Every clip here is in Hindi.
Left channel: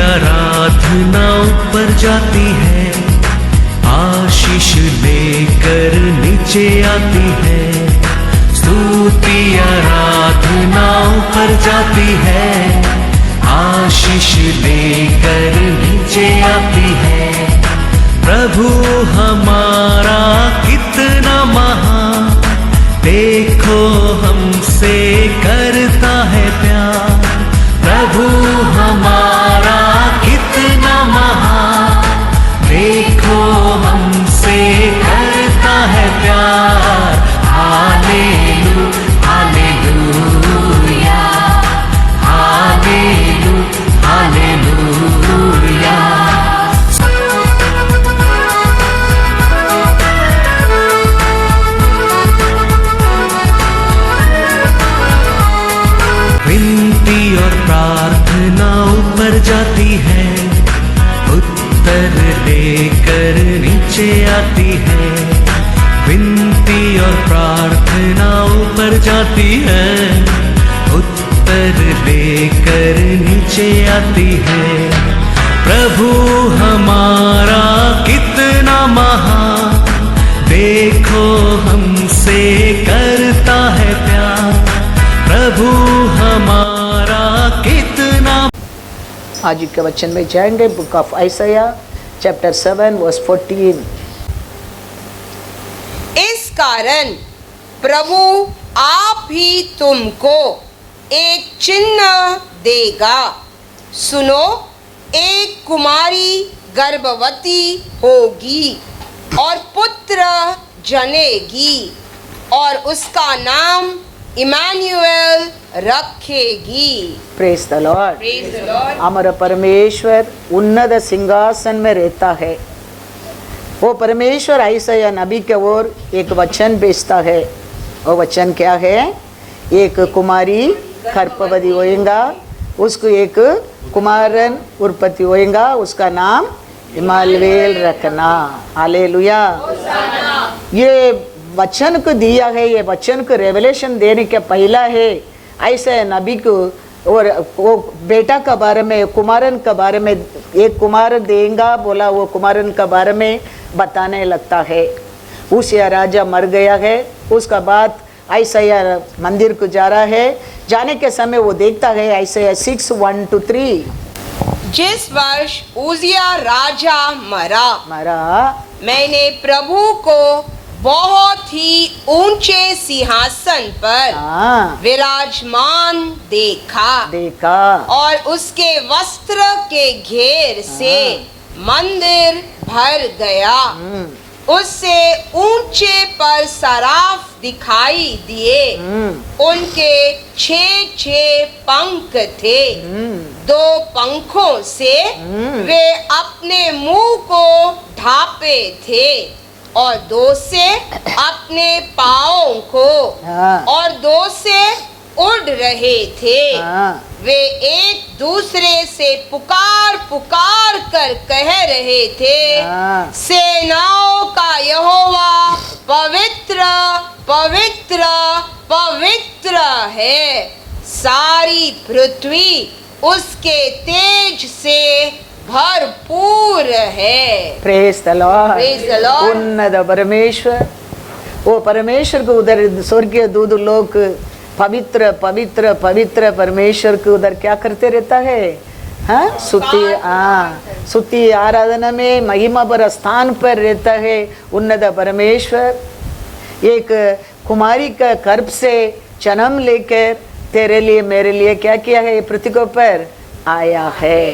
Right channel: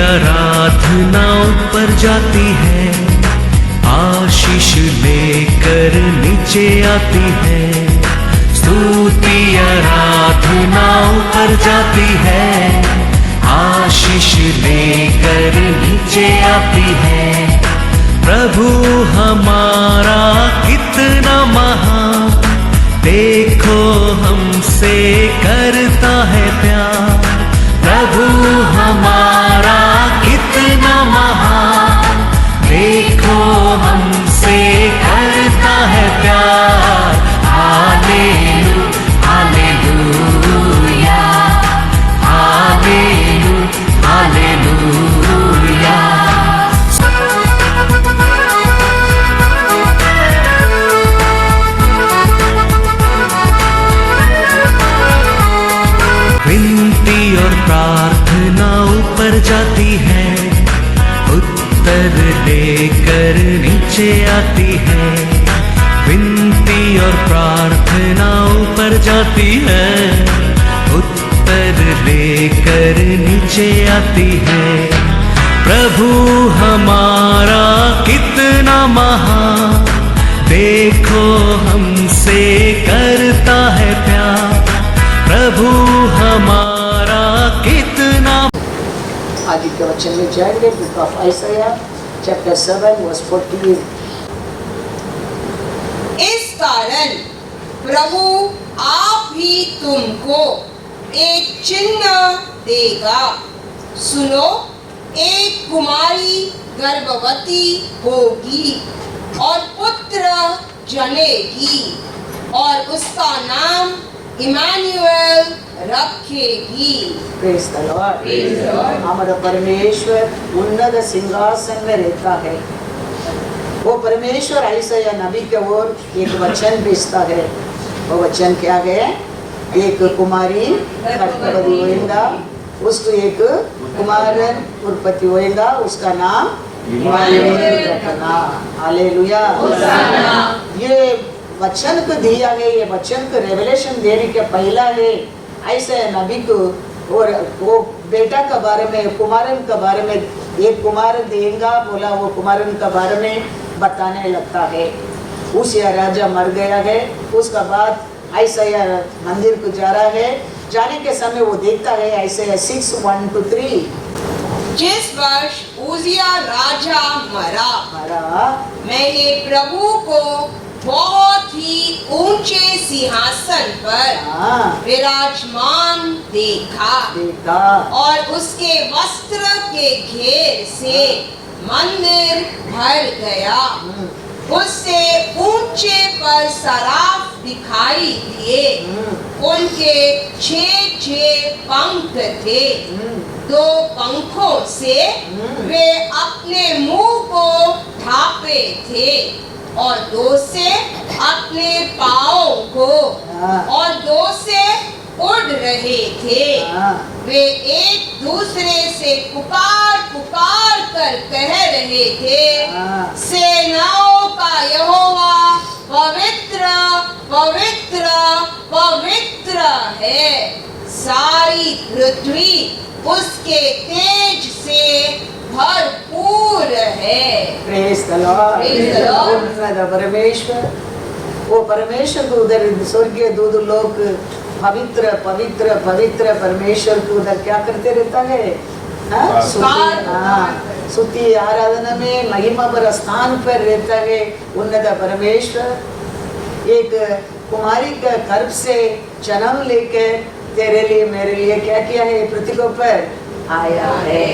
आराधना ऊपर जाती है, आशीष लेकर नीचे आती है। स्तुति आराधना ऊपर जाती है, आशीष लेकर नीचे आती है। प्रभु हमारा कितना महान, देखो हमसे करता है प्यार। प्रभु हमारा कितना महान, देखो हमसे करता है प्यार। हालेलू हालेलूया, हालेलू हालेलूया। विनती और प्रार्थना ऊपर जाती है, उत्तर लेकर नीचे आती है। विनती और प्रार्थना ऊपर जाती है, उत्तर लेकर नीचे आती है। प्रभु हमारा कितना महान, देखो हमसे करता है प्यार। प्रभु हमारा कितना। आज के वचन में जाएंगे बुक ऑफ आइसाया चैप्टर 7 वर्स 14। इस कारण प्रभु आप ही तुमको एक चिन्ह देगा। सुनो, एक कुमारी गर्भवती होगी और पुत्र जनेगी और उसका नाम इमानुएल रखेगी। Praise the Lord. हमारा परमेश्वर उन्नत सिंहासन में रहता है। वो परमेश्वर आइसाया नबी के ओर एक वचन भेजता है। वो वचन क्या है? एक कुमारी गर्भवती होएगा, उसको एक कुमारन उत्पत्ति होएगा, उसका नाम इमानुएल रखना। हालेलुया। ये वचन को दिया है, ये वचन को रेवलेशन देने के पहला है ऐसे नबी को, और वो बेटा के बारे में, कुमारन के बारे में, एक कुमारन देगा बोला, वो कुमारन के बारे में बताने लगता है। उसिया राजा मर गया है, उसका बाद आइसाया मंदिर को जा रहा है। जाने के समय वो देखता है आइसाया 6:1-3। जिस वर्ष उजिया राजा मरा, मैंने प्रभु को बहुत ही ऊंचे सिंहासन पर विराजमान देखा और उसके वस्त्र के घेर से मंदिर भर गया। उससे ऊंचे पर सराफ दिखाई दिए, उनके 6 पंख थे। 2 पंखों से वे अपने मुंह को ढांपे थे और 2 से अपने पाँव को और 2 से उड़ रहे थे। वे एक दूसरे से पुकार पुकार कर कह रहे थे, सेनाओं का यहोवा पवित्र पवित्र पवित्र है, सारी पृथ्वी उसके तेज से भरपूर है। Praise the Lord. उन्नत परमेश्वर, वो परमेश्वर को उधर स्वर्गीय दूत लोग पवित्र पवित्र पवित्र परमेश्वर को उधर क्या करते रहता है? स्तुति आराधना में महिमा पर स्थान पर रहता है। उन्नत परमेश्वर एक कुमारी का गर्भ से जन्म लेकर तेरे लिए मेरे लिए क्या किया है? पृथ्वी के ऊपर आया है।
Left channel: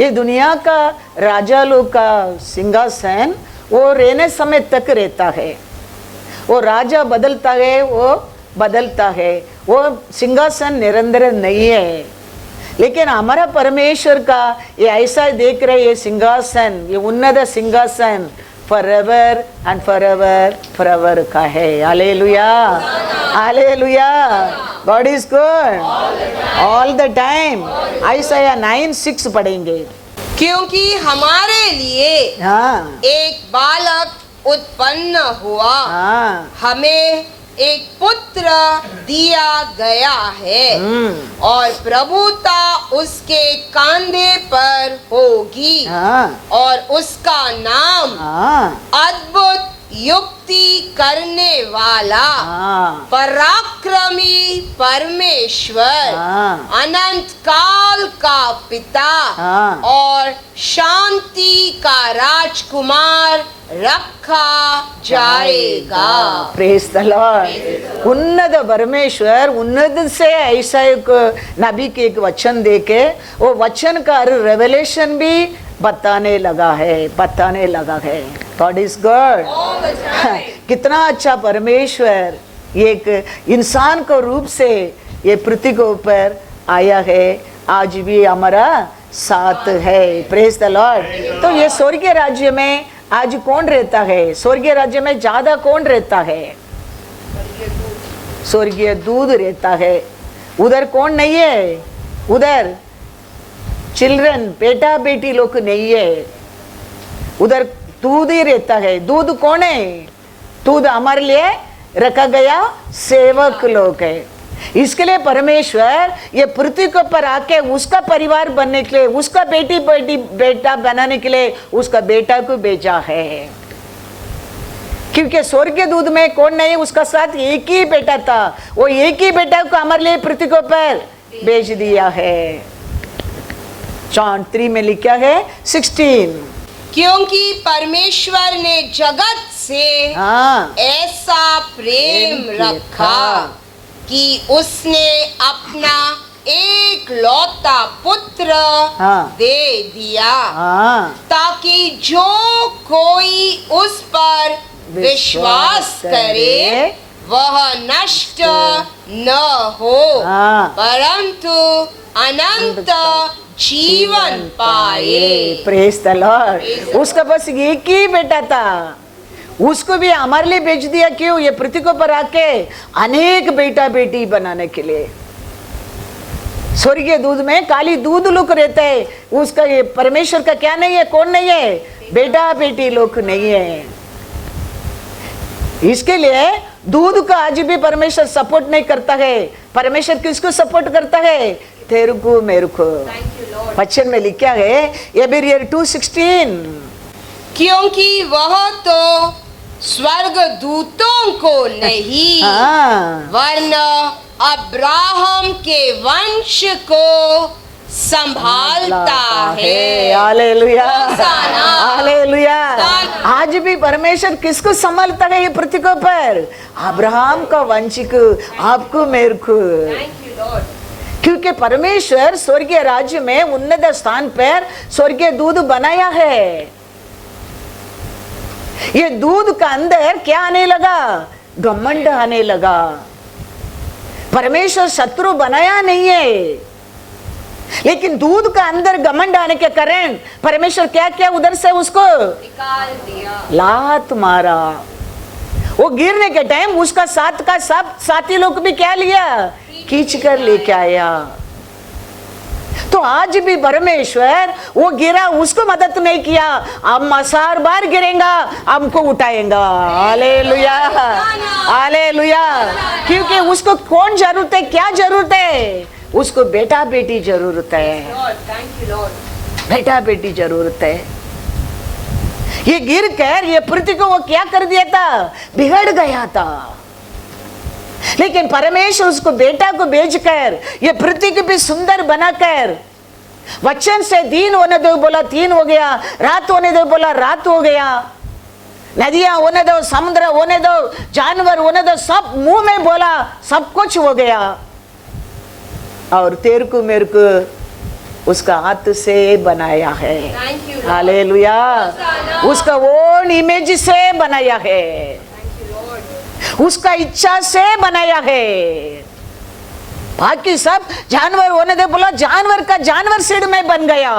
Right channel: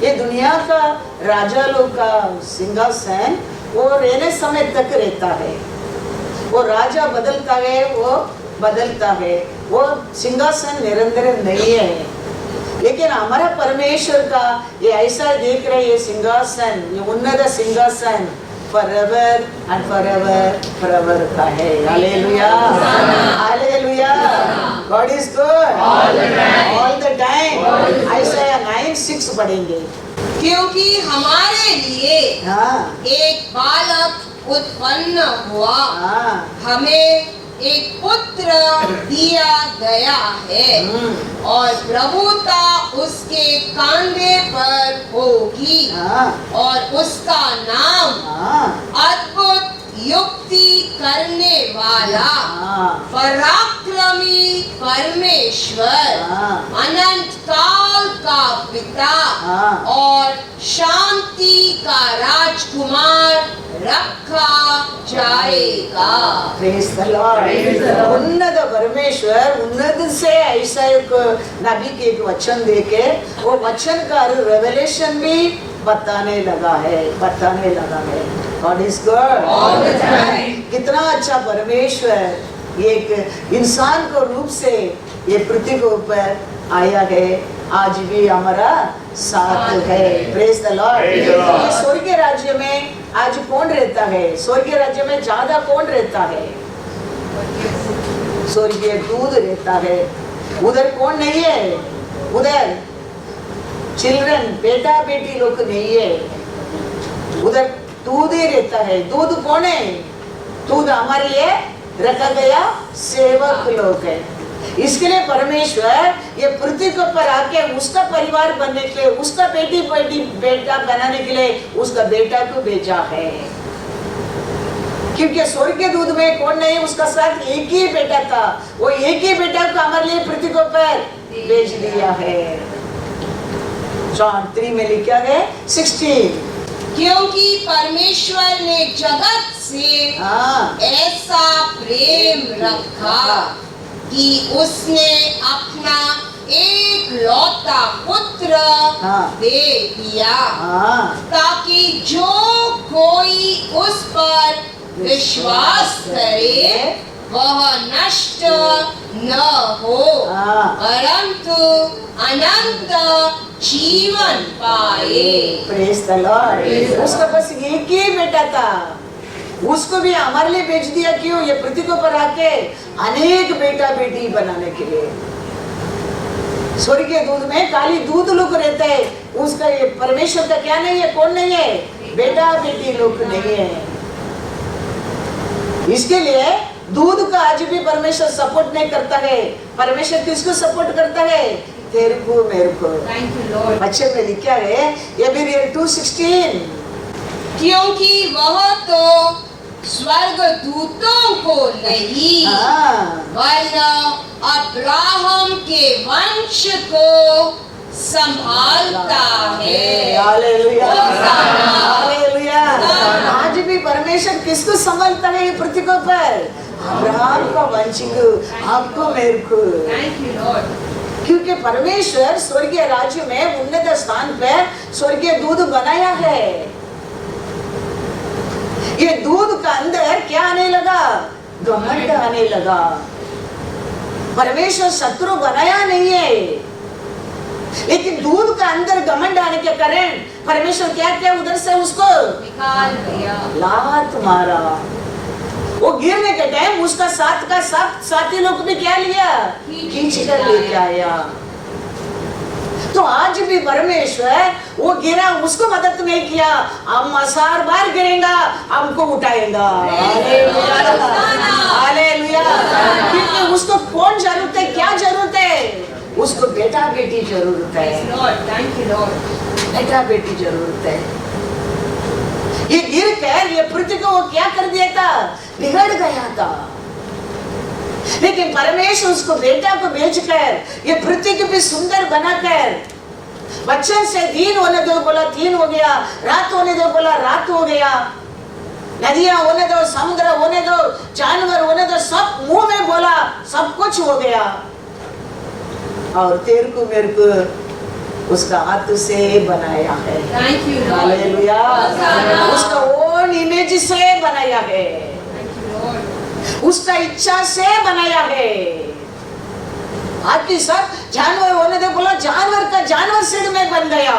ये दुनिया का राजा लोग का सिंहासन वो रहने समय तक रहता है। वो राजा बदलता है, वो बदलता है, वो सिंहासन निरंतर नहीं है। लेकिन हमारा परमेश्वर का ये ऐसा देख रहे, ये सिंहासन, ये उन्नत सिंहासन forever and forever का है। Hallelujah hallelujah. God is good all the time। आइसाया 9:6 पढ़ेंगे। क्योंकि हमारे लिए एक बालक उत्पन्न हुआ, हमें एक पुत्र दिया गया है और प्रभुता उसके कंधे पर होगी और उसका नाम अद्भुत युक्ति करने वाला, पराक्रमी परमेश्वर, अनंत काल का पिता और शांति का राजकुमार रखा जाएगा। Praise the Lord. उन्नत परमेश्वर उन्नत से ऐसा एक नबी के एक वचन देके वो वचन का रेवलेशन भी बताने लगा है। God is God. कितना अच्छा परमेश्वर एक इंसान को रूप से ये पृथ्वी के ऊपर आया है, आज भी हमारा साथ है। Praise the Lord. तो ये स्वर्गीय राज्य में आज कौन रहता है? स्वर्गीय राज्य में ज्यादा कौन रहता है? स्वर्गीय दूध रहता है। उधर कौन नहीं है? उधर चिल्ड्रन, बेटा बेटी लोग नहीं है, उधर दूध ही रहता है। दूध कौन है? दूध हमारे लिए रखा गया सेवक लोग है। इसके लिए परमेश्वर ये पृथ्वी के ऊपर आके उसका परिवार बनने के लिए, उसका बेटा बनाने के लिए उसका बेटा को भेजा है। क्योंकि स्वर्ग के दूध में कौन नहीं, उसका साथ एक ही बेटा था, वो एक ही बेटा को हमारे लिए पृथ्वी के ऊपर भेज दिया है। जॉन 3 में लिखा है 16, क्योंकि परमेश्वर ने जगत से ऐसा प्रेम रखा कि उसने अपना एक लौता पुत्र दे दिया, ताकि जो कोई उस पर विश्वास करे वह नष्ट न हो परंतु अनंत जीवन पाए। Praise the Lord. उसका बस एक ही बेटा था, उसको भी हमारे लिए भेज दिया। क्यों? ये पृथ्वी को पर आके अनेक बेटा बेटी बनाने के लिए। स्वर्गीय दूध में खाली दूध लोग रहते हैं, उसका ये परमेश्वर का क्या नहीं है? कौन नहीं है? बेटा बेटी लोग नहीं है। इसके लिए दूध का आज भी परमेश्वर सपोर्ट नहीं करता है। परमेश्वर किसको सपोर्ट करता है? तेरे को मेरे को। वचन में लिखा है एब्रेयर 2:16, क्योंकि वह तो स्वर्ग दूतों को नहीं वरन अब्राहम के वंश को संभालता है। Hallelujah, hallelujah. आज भी परमेश्वर किसको संभालता है पृथ्वी पर? अब्राहम का वंश को, आपको मेरे को। क्योंकि परमेश्वर स्वर्गीय राज्य में उन्नत स्थान पर स्वर्गीय दूध बनाया है। ये दूध का अंदर क्या आने लगा? घमंड आने लगा। परमेश्वर शत्रु बनाया नहीं है, लेकिन दूध का अंदर घमंड आने के कारण परमेश्वर क्या क्या उधर से उसको निकाल दिया, लात मारा। वो गिरने के टाइम उसका साथ का साथी लोग भी क्या लिया? खींच कर लेके आया। तो आज भी परमेश्वर वो गिरा, उसको मदद नहीं किया, अब मसार बार गिरेगा, हमको उठाएगा। Hallelujah, hallelujah. क्योंकि उसको कौन जरूरत है? क्या जरूरत है? उसको बेटा बेटी जरूरत है। बेटा बेटी जरूरत है। ये गिर कर ये पृथ्वी को क्या कर दिया था? बिगड़ गया था। लेकिन परमेश्वर उसको बेटा को भेजकर ये पृथ्वी को भी सुंदर बनाकर, वचन से दिन होने दो बोला दिन हो गया, रात होने दो बोला रात हो गया, नदियां होने दो, समुद्र होने दो, जानवर होने दो, सब मुंह में बोला, सब कुछ हो गया। और तेरे को मेरे को उसका हाथ से बनाया है। हालेलुया। उसका ओन इमेज से बनाया है, उसका इच्छा से बनाया है। बाकी सब जानवर होने दे बोला, जानवर का जानवर सीड में बन गया।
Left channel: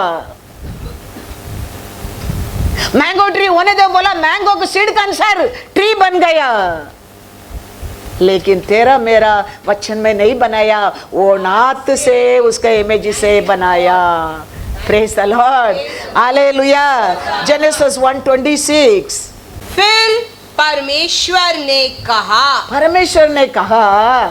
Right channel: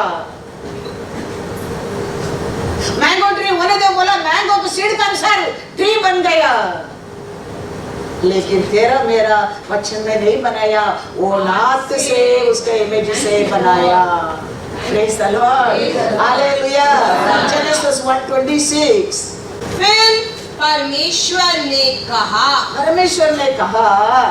मैंगो ट्री होने दे बोला, मैंगो के सीड का अनुसार ट्री बन गया। लेकिन तेरा मेरा वचन में नहीं बनाया, वो नाथ से उसका इमेज से बनाया। Praise the Lord, hallelujah. Genesis 1:26। फिर परमेश्वर ने कहा, परमेश्वर ने कहा,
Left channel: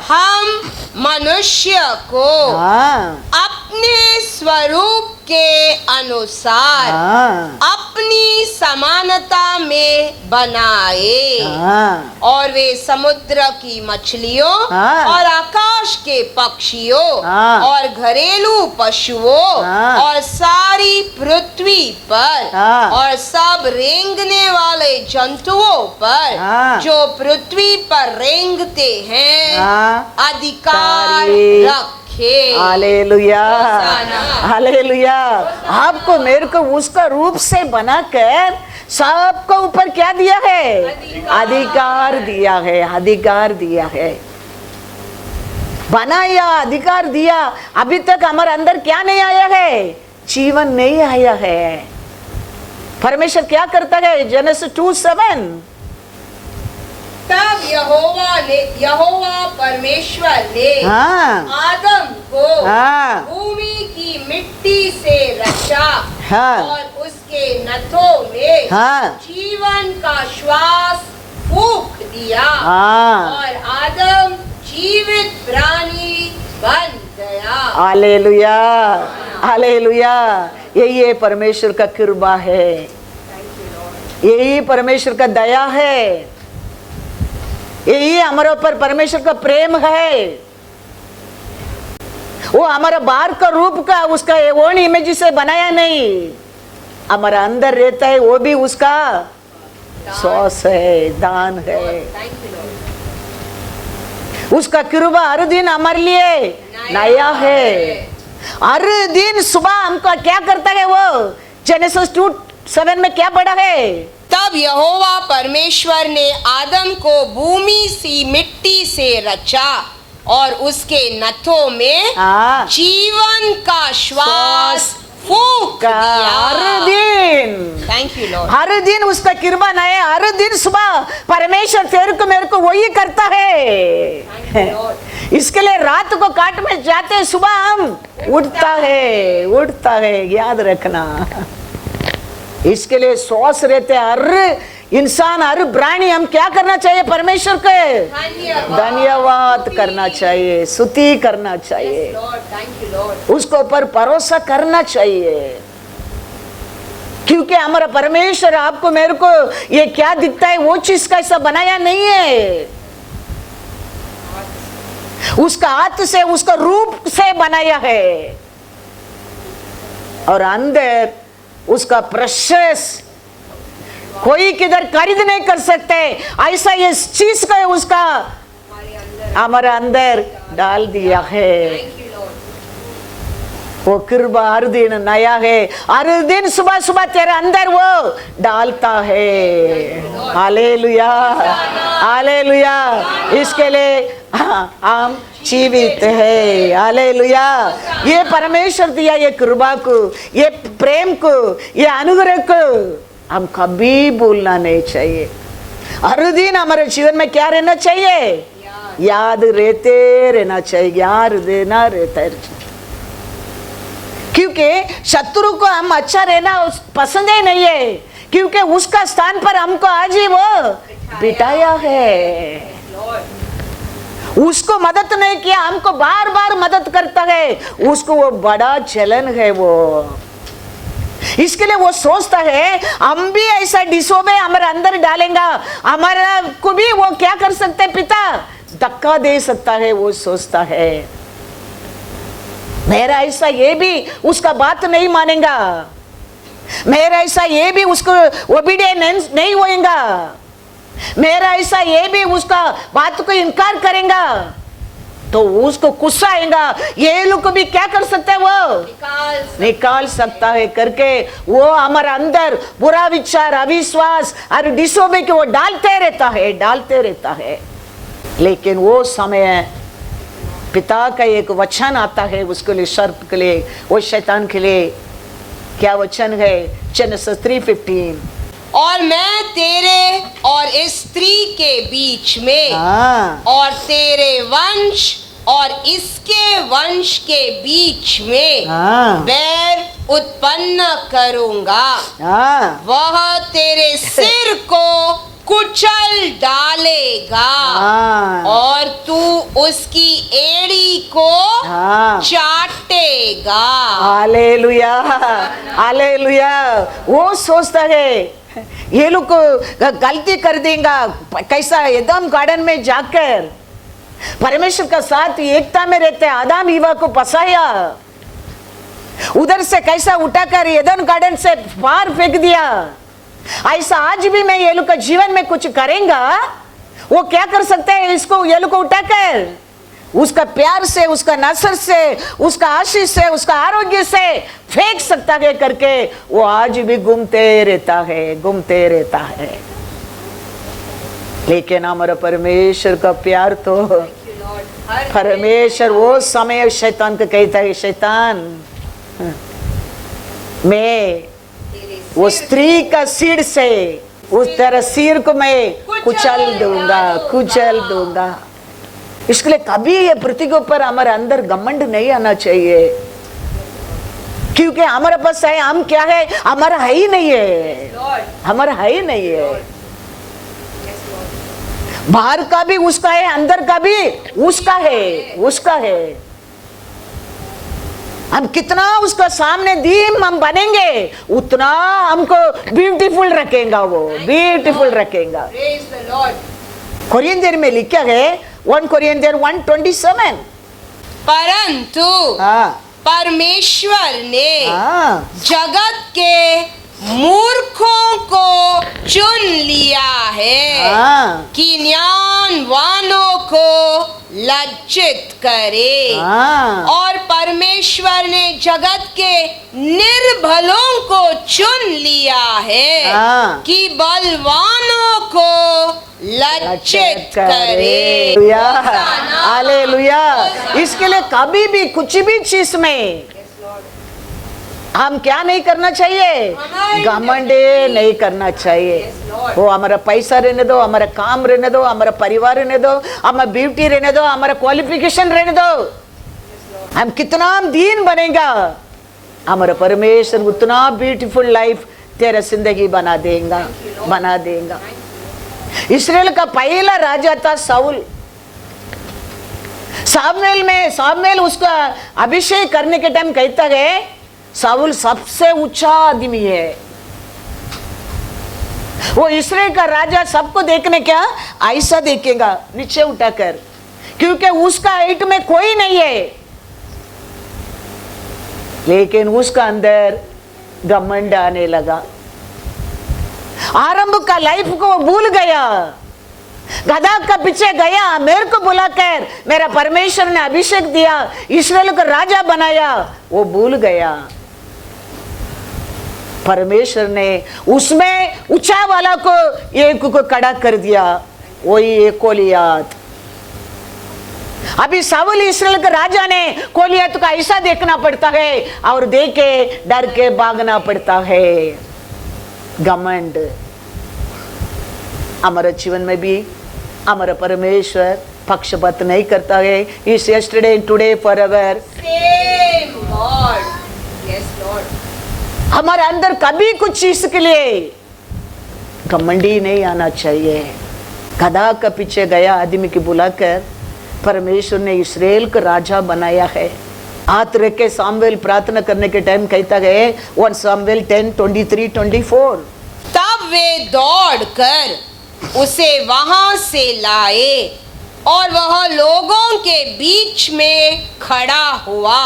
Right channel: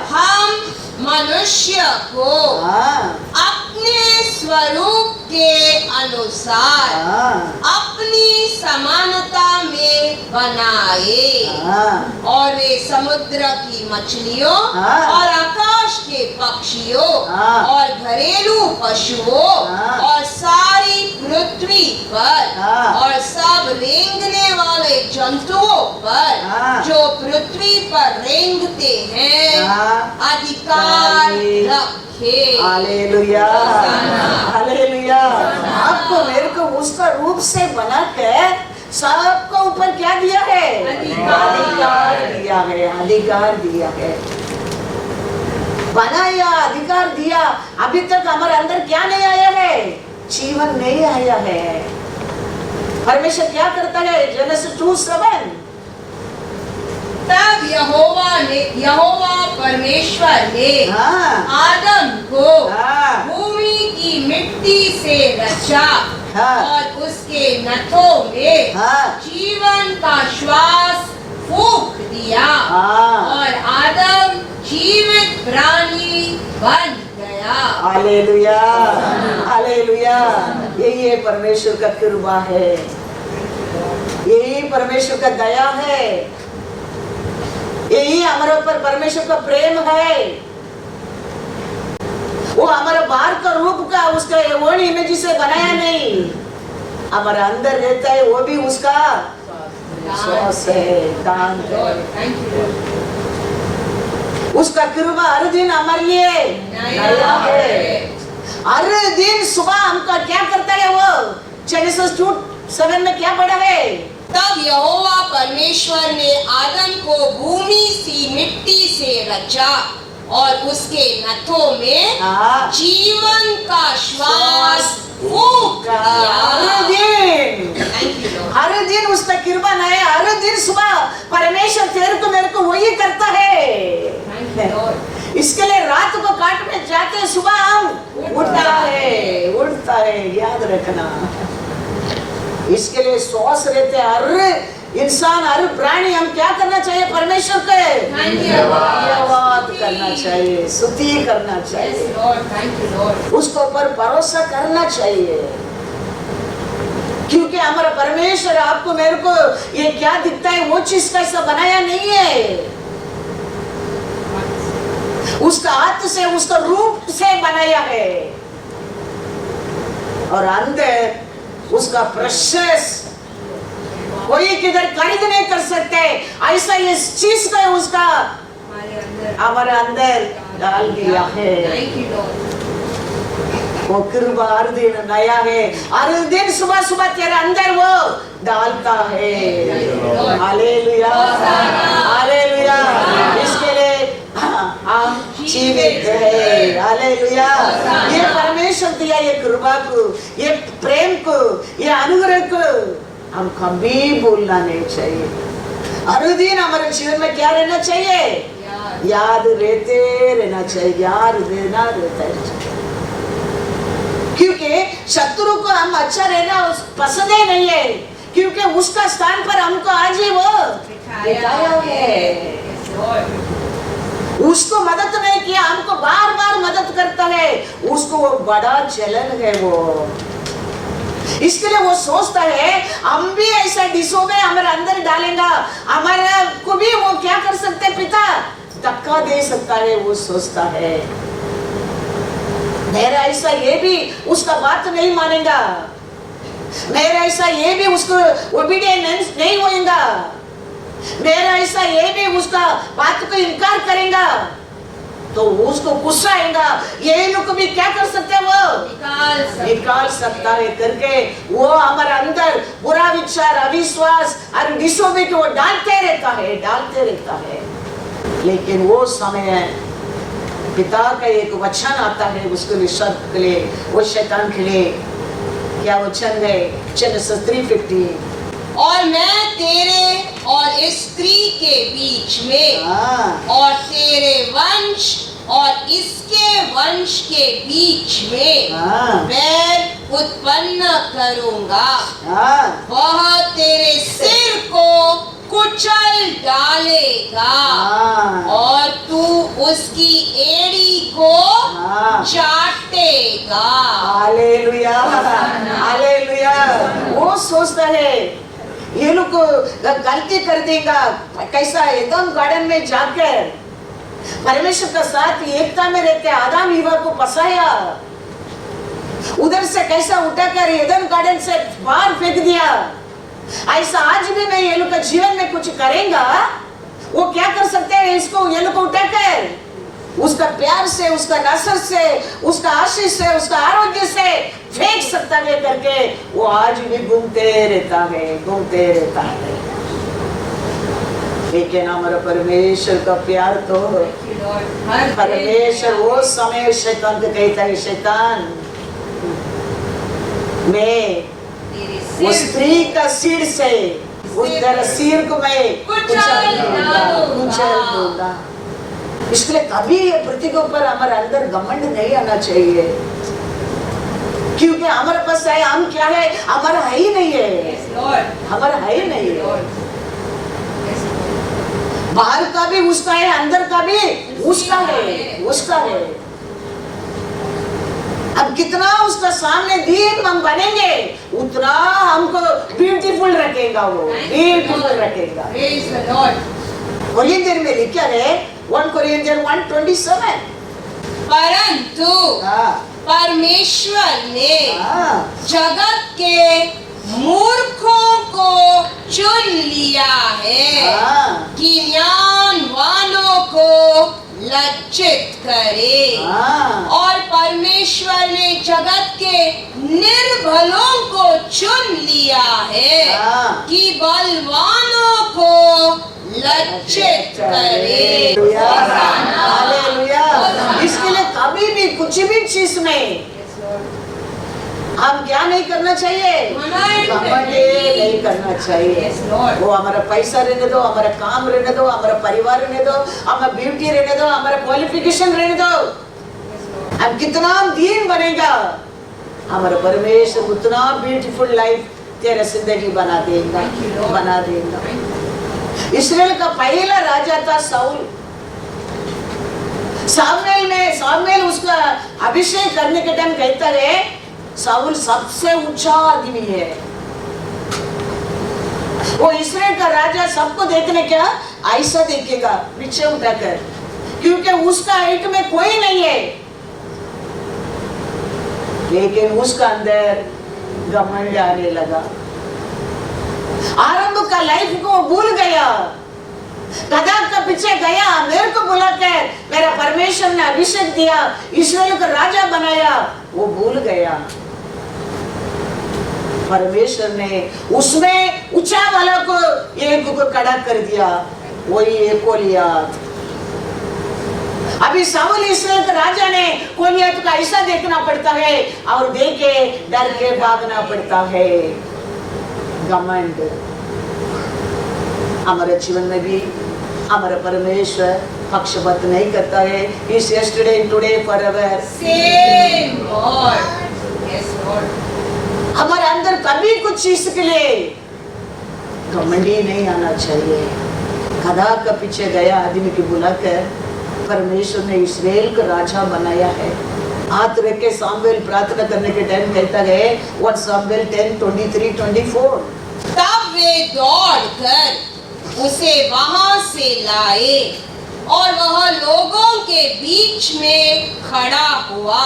हम मनुष्य को हाँ, अपने स्वरूप के अनुसार हाँ, अपनी समानता में बनाए, हाँ, और वे समुद्र की मछलियों हाँ, और आकाश के पक्षियों हाँ, और घरेलू पशुओं हाँ, और सारी पृथ्वी पर हाँ, और सब रेंगने वाले जंतुओं पर हाँ, जो पृथ्वी पर रेंगते हैं हाँ, अधिकार सारी- रखे। Hallelujah, hallelujah. आपको मेरे को उसका रूप से बनाकर सबको ऊपर क्या दिया है? अधिकार दिया है, अधिकार दिया है, बनाया, अधिकार दिया। अभी तक हमारे अंदर क्या नहीं आया है? जीवन नहीं आया है। परमेश्वर क्या करता है? जेनेसिस 2:7, तब यहोवा परमेश्वर ने हाँ, आदम को हाँ, भूमि की मिट्टी से रचा, हाँ, और उसके नथों में हाँ, जीवन का श्वास फूंक दिया, हाँ, और आदम जीवित प्राणी बन गया। Hallelujah, hallelujah. यही परमेश्वर का कृपा है, यही परमेश्वर का दया है, यही हमारे ऊपर परमेश्वर का प्रेम है। वो हमारे बाहर का रूप का उसका ओन इमेज से बनाया नहीं, हमारे अंदर रहता है, वो भी उसका सॉस है, दान है। उसका कृपा हर दिन हमारे लिए नया है। हर दिन सुबह हमको क्या करता है वो? जेनेसिस 2:7 में क्या पढ़ा है? तब यहोवा परमेश्वर ने आदम को भूमि सी मिट्टी से रचा, और उसके नथों में हाँ, जीवन का श्वास फूंक दिया। हर दिन, थैंक यू लॉर्ड। हर दिन उसका कृपा नया। हर दिन सुबह परमेश्वर तेरे को मेरे को वही करता है। इसके लिए रात को काट में जाते, सुबह हम उठता है, याद रखना। इसके लिए श्वास रहते हैं। हर इंसान, हर प्राणी, हम क्या करना चाहिए? परमेश्वर के धन्यवाद करना चाहिए, स्तुति करना चाहिए, उसके ऊपर भरोसा करना चाहिए। क्योंकि हमारा परमेश्वर आपको मेरे को ये क्या दिखता है, वो चीज का ऐसा बनाया नहीं है। उसका हाथ से, उसका रूप से बनाया है, और अंदर उसका प्रेशियस कोई किधर खरीद नहीं कर सकते। ऐसा इस चीज का उसका हमारे अंदर डाल दिया है। वो कृपा हर दिन नया है, हर दिन सुबह सुबह तेरे अंदर वो डालता है। Hallelujah, hallelujah. इसके लिए हम जीवित है। हालेलुया। ये परमेश्वर दिया ये कृपा को, ये प्रेम को, ये अनुग्रह को हम कभी भूलना नहीं चाहिए। हर दिन हमारे जीवन में क्या रहना चाहिए? याद रहना चाहिए, याद देना रहता है। क्योंकि शत्रु को हम अच्छा रहना पसंद ही नहीं है, क्योंकि उसका स्थान पर हमको आज ही वो बिठाया है। उसको मदद नहीं किया, हमको बार बार मदद करता है। उसको वो बड़ा चलन है वो। इसके लिए वो सोचता है हम भी ऐसा डिसोबे हमारे अंदर डालेगा, हमारा को भी वो क्या कर सकते हैं? पिता धक्का दे सकता है, वो सोचता है। मेरा ऐसा ये भी उसका बात नहीं मानेगा, मेरा ऐसा ये भी उसको ओबीडियंस नहीं होएगा, मेरा ऐसा ये भी उसका बात को इनकार करेगा, तो उसको गुस्सा आएगा। ये लोग भी क्या कर सकते हैं? वो निकाल सकता है करके वो हमारे अंदर बुरा विचार, अविश्वास और डिसोबे को वो डालते रहता है। लेकिन वो समय पिता का एक वचन आता है उसके लिए, शर्त के लिए, वो शैतान के लिए। क्या वचन है? जेनेसिस 3:15, और मैं तेरे और इस स्त्री के बीच में और तेरे वंश और इसके वंश के बीच में बैर उत्पन्न करूंगा। वह तेरे सिर को कुचल डालेगा और तू उसकी एड़ी को चाटेगा। Hallelujah, hallelujah. वो सोचता है ये लोग गलती कर देगा, कैसा एदम गार्डन में जाकर परमेश्वर का साथ एकता में रहते आदम ईवा को फंसाया, उधर से कैसा उठाकर एदम गार्डन से बाहर फेंक दिया। ऐसा आज भी मैं ये लोग का जीवन में कुछ करेगा, वो क्या कर सकते हैं? इसको ये लोग को उठाकर उसका प्यार से, उसका नसर से, उसका आशीष से, उसका आरोग्य से फेंक सकता है करके वो आज भी घूमते रहता है, घूमते रहता है। लेकिन हमारा परमेश्वर का प्यार तो, परमेश्वर वो समय शैतान को कहता है, शैतान मैं वो स्त्री का सिर से उस तेरा सिर को मैं कुचल दूंगा, कुचल दूंगा। इसलिए कभी ये पृथ्वी के ऊपर हमारे अंदर घमंड नहीं आना चाहिए, क्योंकि हमारे पास है, हम क्या है, हमारा है ही नहीं है, हमारा है ही नहीं है। बाहर का भी उसका है, अंदर का भी उसका है, उसका है। हम कितना उसका सामने दीन हम बनेंगे उतना हमको ब्यूटीफुल रखेगा, वो ब्यूटीफुल रखेगा। कोरियन में लिखा है 1 Corinthians 1:27, परंतु परमेश्वर ने जगत के मूर्खों को चुन लिया है कि ज्ञानवानों को लज्जित करे, और परमेश्वर ने जगत के निर्बलों को चुन लिया है कि बलवानों को लज्जित करे। हालेलुया। इसके लिए कभी भी कुछ भी चीज में हम क्या नहीं करना चाहिए? घमंड नहीं करना चाहिए। वो हमारा पैसा रहने दो, हमारा काम रहने दो, हमारा परिवार रहने दो, हमारा ब्यूटी रहने दो, हमारा क्वालिफिकेशन रहने दो, हम कितना दीन बनेगा, हमारा परमेश्वर उतना ब्यूटीफुल लाइफ तेरा जिंदगी बना देगा, बना देगा। इस्राएल का पहला राजा था साउल। सामुएल उसका अभिषेक करने के टाइम कहता है साउल सबसे ऊंचा आदमी है, वो इस्राएल का राजा सबको देखने क्या ऐसा देखेगा नीचे उठाकर, क्योंकि उसका हाइट में कोई नहीं है, लेकिन उसका अंदर घमंड आने लगा। आरंभ का लाइफ को भूल गया, गधा का पीछे गया, मेरे को बुलाकर मेरा परमेश्वर ने अभिषेक दिया, इस्राएल को राजा बनाया, वो भूल गया। परमेश्वर ने उसमें ऊंचा वाला को एक को खड़ा कर दिया, वही गोलियत। अभी साउल इस्राएल के राजा ने गोलियत का ऐसा देखना पड़ता है और देखे डर के भागना पड़ता है। घमंड हमारे जीवन में भी हमारा परमेश्वर पक्षपात नहीं करता है। इस yesterday today forever same Lord. Yes Lord. हमारे अंदर कभी कुछ चीज के लिए घमंडी नहीं आना चाहिए। गधा का पीछे गया आदमी की बुलाकर परमेश्वर ने इस्राएल का राजा बनाया है। हाथ रख के सामुएल प्रार्थना करने के टाइम कहता है 1 Samuel 10:23-24, तब वे दौड़कर उसे वहां से लाए और वह लोगों के बीच में खड़ा हुआ,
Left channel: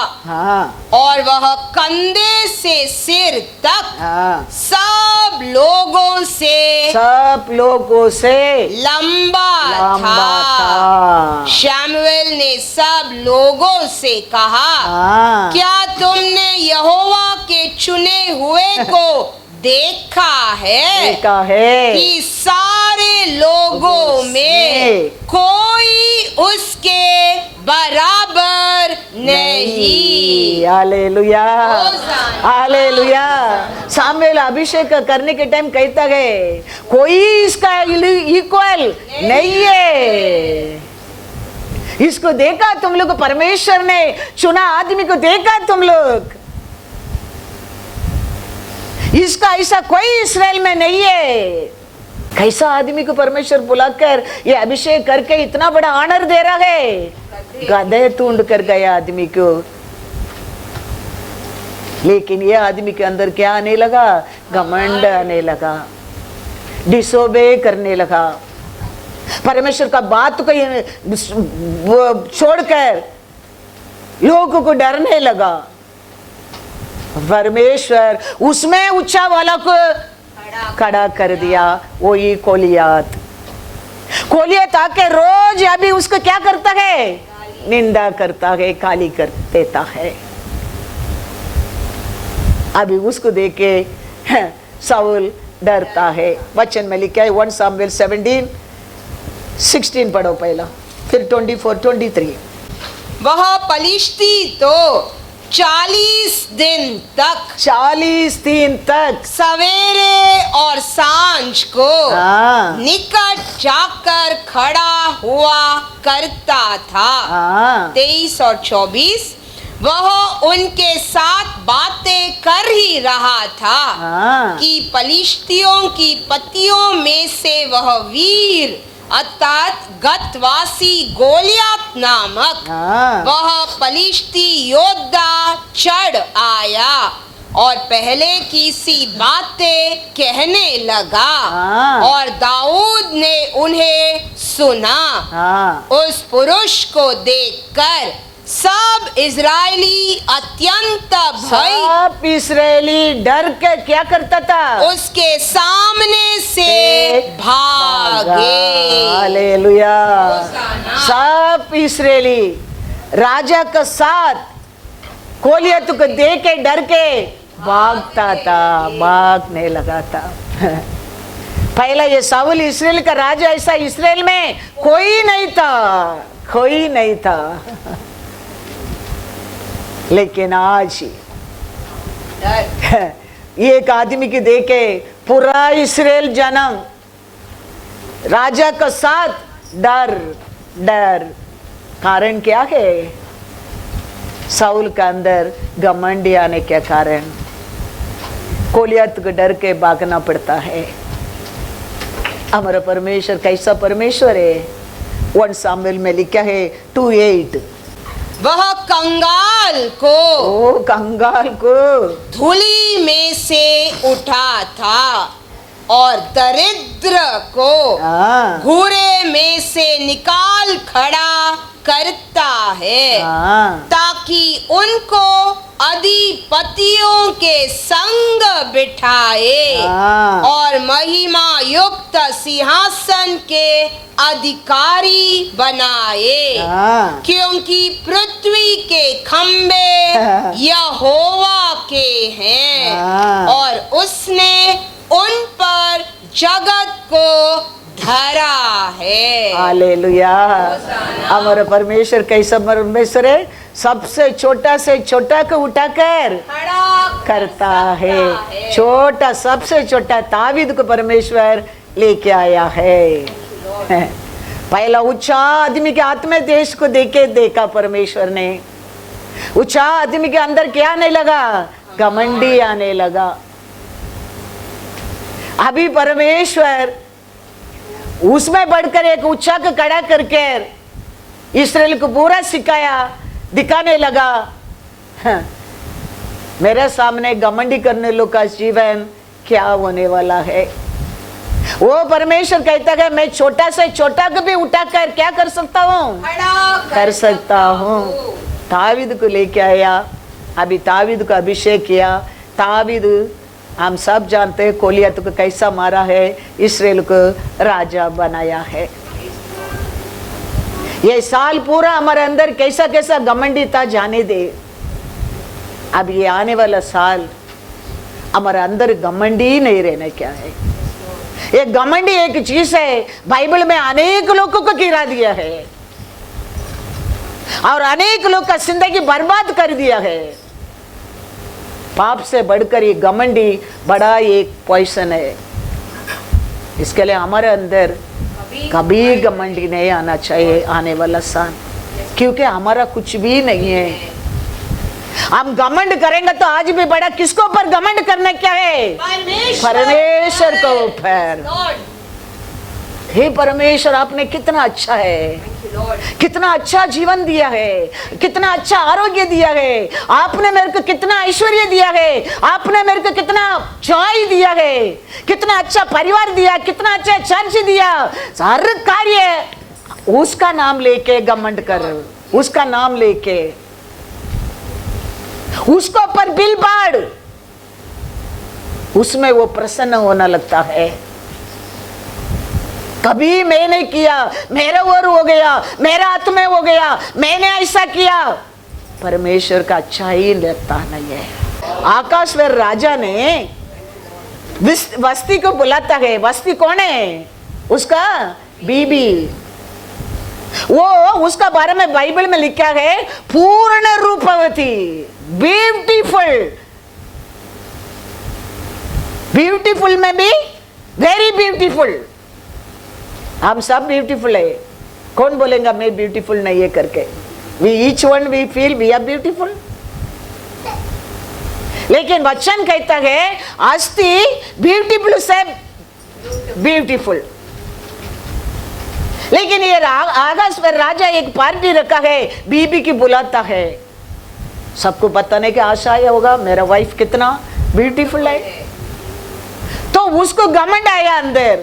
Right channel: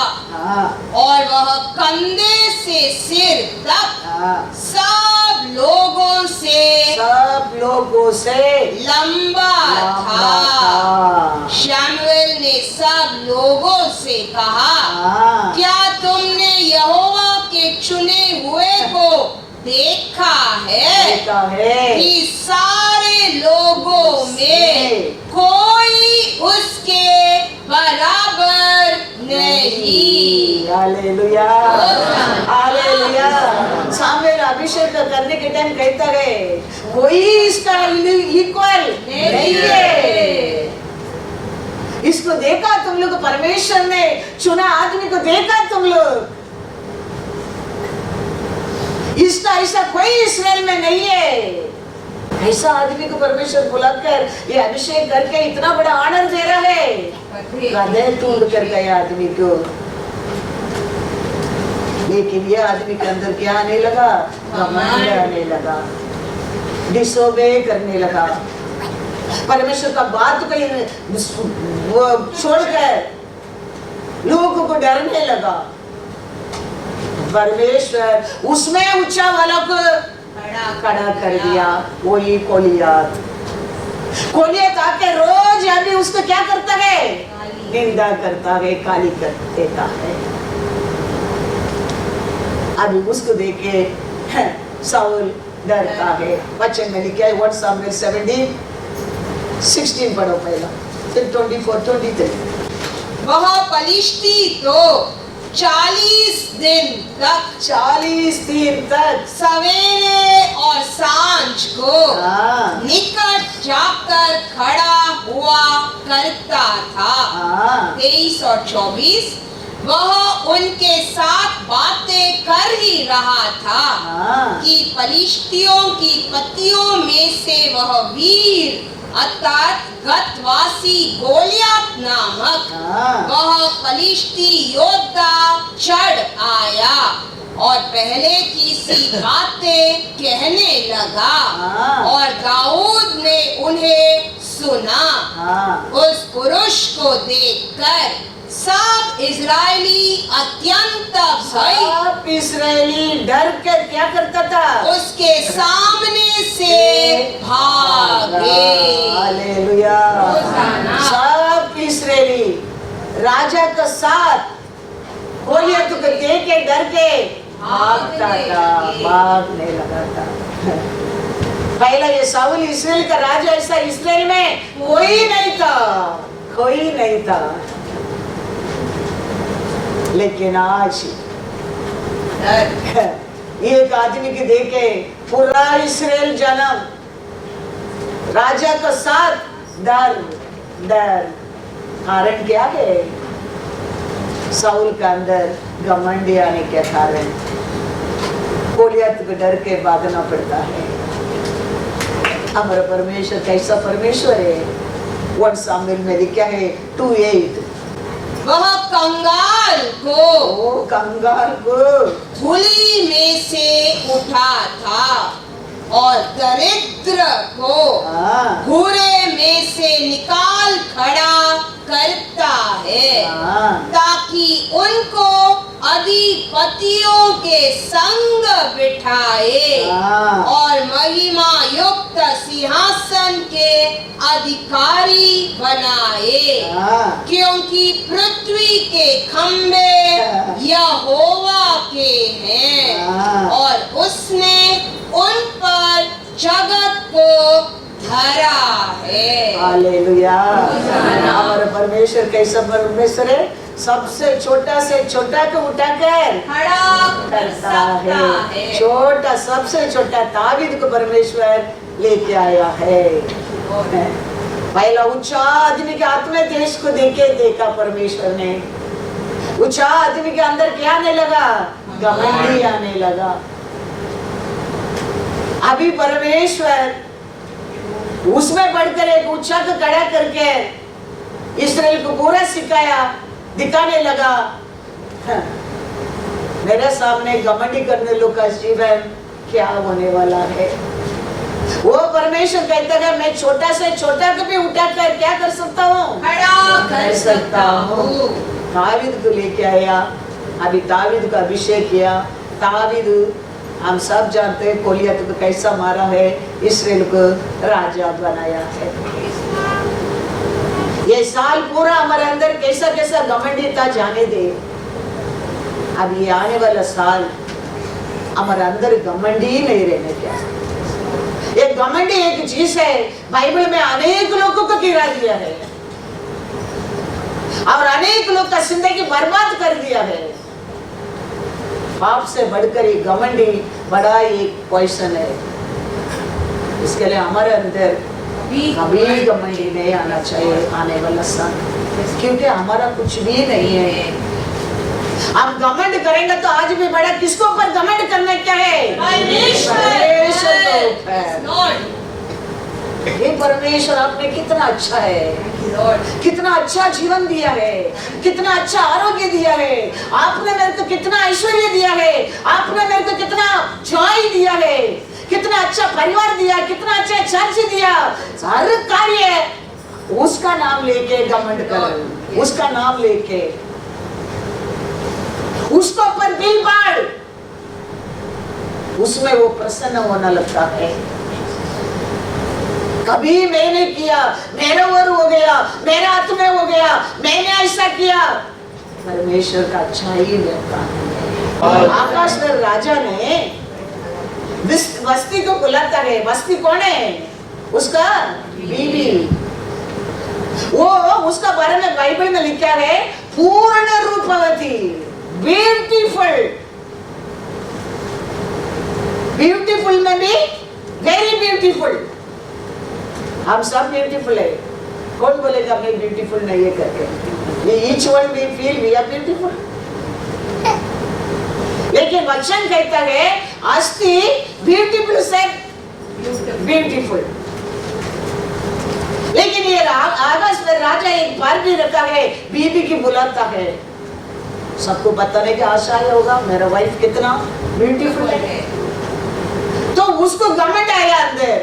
और वह कंधे से सिर तक सब लोगों से लंबा था। शमूएल ने सब लोगों से कहा, क्या तुमने यहोवा के चुने हुए को देखा है कि सारे लोगों में कोई उसके बराबर नहीं। Hallelujah, hallelujah. सामुएल अभिषेक करने के टाइम कहता है कोई इसका इक्वल नहीं है। इसको देखा तुम लोग, परमेश्वर ने चुना आदमी को देखा तुम लोग, इसका ऐसा कोई इस्राएल में नहीं है। कैसा आदमी को परमेश्वर बुलाकर ये अभिषेक करके इतना बड़ा ऑनर दे रहा है। गधे ढूंढ कर गया आदमी को, लेकिन ये आदमी के अंदर क्या आने लगा? घमंड आने लगा, डिसोबे करने लगा, परमेश्वर का बात को वो छोड़कर लोगों को डरने लगा। परमेश्वर उसमें ऊंचा वाला को खड़ा कर दिया, वही कोलियात। कोलियात आके रोज अभी उसको क्या करता है? निंदा करता है, गाली कर देता है। अभी उसको देख के साउल डरता है। वचन में लिखा है 1 सामुएल 17:16 पढ़ो पहला, फिर 24-23। वह पलिश्ती तो 40 दिन तक सवेरे और सांझ को निकट जाकर खड़ा हुआ करता था। 23 और 24। वह उनके साथ बातें कर ही रहा था कि पलिश्तियों की पतियों में से वह वीर अर्थात गतवासी गोलियत नामक वह पलिश्ती योद्धा चढ़ आया और पहले की सी बातें कहने लगा, और दाऊद ने उन्हें सुना। उस पुरुष को देखकर सब इजरायली अत्यंत भय, सब इजरायली डर के क्या करता था? उसके सामने से भागे। हालेलुया। सब इजरायली राजा का साथ गोलियत को देख के डर के भागता था, भागने लगा था। पहला ये साउल इस्राएल का राजा, ऐसा इस्राएल में कोई नहीं था, कोई नहीं था। लेकिन आज एक आदमी की देखे पूरा इस्राएल जन्म राजा का साथ डर डर। कारण क्या है? साउल का अंदर घमंड आने के कारण गोलियत को डर के भागना पड़ता है। हमारा परमेश्वर कैसा परमेश्वर है? 1 सामुएल में लिखा है 2:8। वह कंगाल को धूली में से उठा था और दरिद्र को घूरे में से निकाल खड़ा करता है, ताकि उनको अधिपतियों के संग बिठाए और महिमा युक्त सिंहासन के अधिकारी बनाए। क्योंकि पृथ्वी के खंबे यहोवा के हैं और उसने उन पर जगत को धरा है। हालेलुया। हमारा परमेश्वर कैसा परमेश्वर है? सबसे छोटा से छोटा को उठाकर खड़ा करता है। छोटा सबसे छोटा दाऊद को परमेश्वर लेके आया है। पहला ऊंचा आदमी के हाथ में देश को देखा परमेश्वर ने। ऊंचा आदमी के अंदर क्या आने लगा? घमंडी आने लगा। अभी परमेश्वर उसमें बढ़कर एक ऊंचा को खड़ा करके इस्राएल को पूरा सिखाया, दिखाने लगा। मेरे सामने घमंडी करने लोग का जीवन क्या होने वाला है? वो परमेश्वर कहता है मैं छोटा से छोटा को भी उठाकर क्या कर सकता हूँ? कर सकता हूँ। दाऊद को लेके आया, अभी दाऊद को अभिषेक किया। दाऊद हम सब जानते हैं गोलियत को कैसा मारा है, इस्राएल को राजा बनाया है। ये साल पूरा हमारे अंदर कैसा कैसा घमंडी था जाने दे। अब ये आने वाला साल हमारे अंदर घमंडी नहीं रहने क्या है। ये घमंडी एक चीज है, बाइबल में अनेक लोगों को गिरा दिया है और अनेक लोग का जिंदगी बर्बाद कर दिया है। पाप से बढ़कर ये घमंडी बड़ा एक पॉइजन है। इसके लिए हमारे अंदर कभी घमंडी नहीं आना चाहिए आने वाला साल, क्योंकि हमारा कुछ भी नहीं है। हम घमंड करेंगे तो आज भी बड़ा किसको ऊपर घमंड करना क्या है? परमेश्वर को ऊपर। हे परमेश्वर, आपने कितना अच्छा है, कितना अच्छा जीवन दिया है, कितना अच्छा आरोग्य दिया है, आपने मेरे को कितना ऐश्वर्य दिया है, आपने मेरे को कितना जॉय दिया है, कितना अच्छा परिवार दिया, कितना अच्छा चर्च दिया। हर कार्य उसका नाम लेके घमंड करो, उसका नाम लेके उसको ऊपर बिल बाढ़, उसमें वो प्रसन्न होना लगता है। कभी मैं नहीं किया, मेरे ओर हो गया, मेरा हाथ में हो गया, मैंने ऐसा किया, परमेश्वर का अच्छा ही लगता नहीं है। आकाश में राजा ने वस्ती को बुलाता है। वस्ती कौन है? उसका बीबी। वो उसका बारे में बाइबल में लिखा है पूर्ण रूपवती, ब्यूटीफुल। ब्यूटीफुल में भी वेरी ब्यूटीफुल। हम सब ब्यूटीफुल है, कौन बोलेगा मैं ब्यूटीफुल नहीं है करके? We each one we feel we are beautiful। लेकिन वचन कहता है आस्ती ब्यूटीफुल से ब्यूटीफुल। लेकिन ये आकाश में राजा एक पार्टी रखा है, बीबी की बुलाता है, सबको बताने की आशा होगा मेरा वाइफ कितना ब्यूटीफुल है। तो उसको घमंड आया अंदर,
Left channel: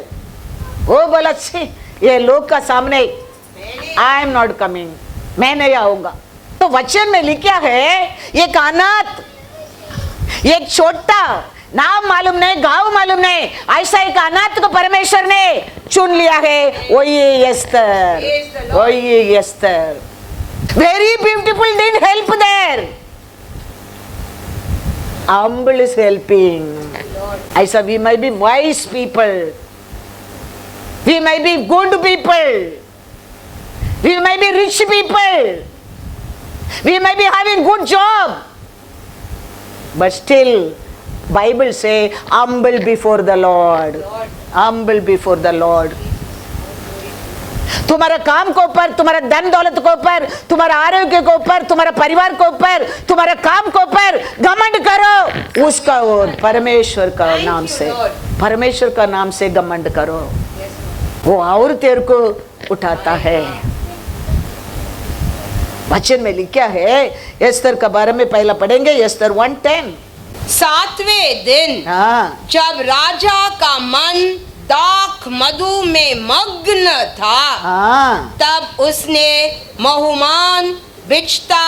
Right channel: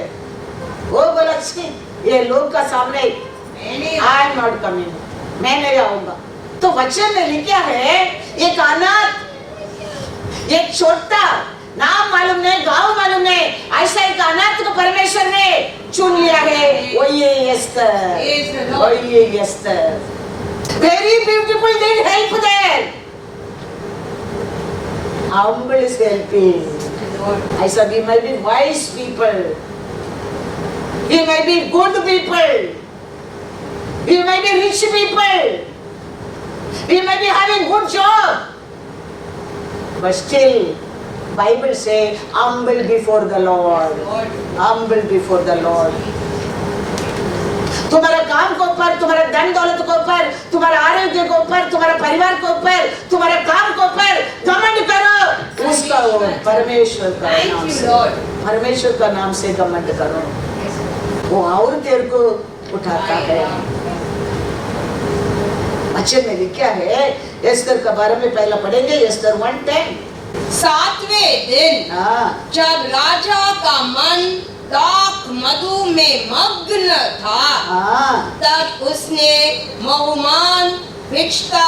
वो बोला ये लोग का सामने आई एम नॉट कमिंग, मैं नहीं आऊंगा। तो वचन में लिखा है एक अनाथ, एक छोटा, नाम मालूम नहीं, गांव मालूम नहीं, ऐसा एक अनाथ को परमेश्वर ने चुन लिया है। वही एस्तर, वही Esther. Very beautiful didn't help there, humble is helping। ऐसा we may be wise people, we may be good people, we may be rich people, we may be having good job, but still Bible say humble before the Lord, humble before the Lord। तुम्हारे काम के ऊपर, तुम्हारे धन दौलत के ऊपर, तुम्हारे आरोग्य के ऊपर, तुम्हारे परिवार के ऊपर, तुम्हारे काम के ऊपर घमंड करो, उसका और परमेश्वर का नाम से, परमेश्वर का नाम से घमंड करो, वो और तेरे को उठाता है। वचन में लिखा है एस्तर के बारे में पहला पढ़ेंगे, एस्तर 1:10। 7वें दिन जब राजा का मन दाख मधु में मग्न था, तब उसने महुमान, बिचता,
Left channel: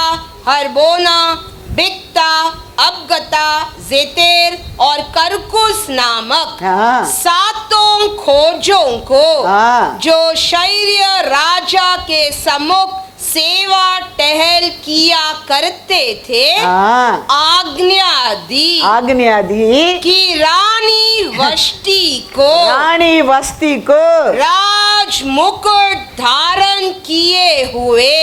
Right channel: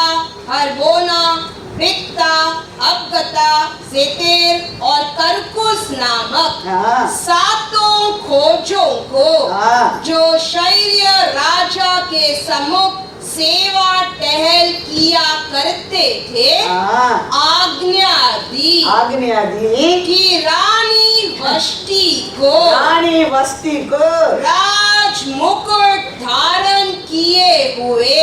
हरबोना, बिकता, अबगता, जेतेर और करकुस नामक 7 खोजों को जो शैर्य राजा के सम्मुख सेवा टहल किया करते थे आज्ञा दी कि रानी वष्टी को राज मुकुट धारण किए हुए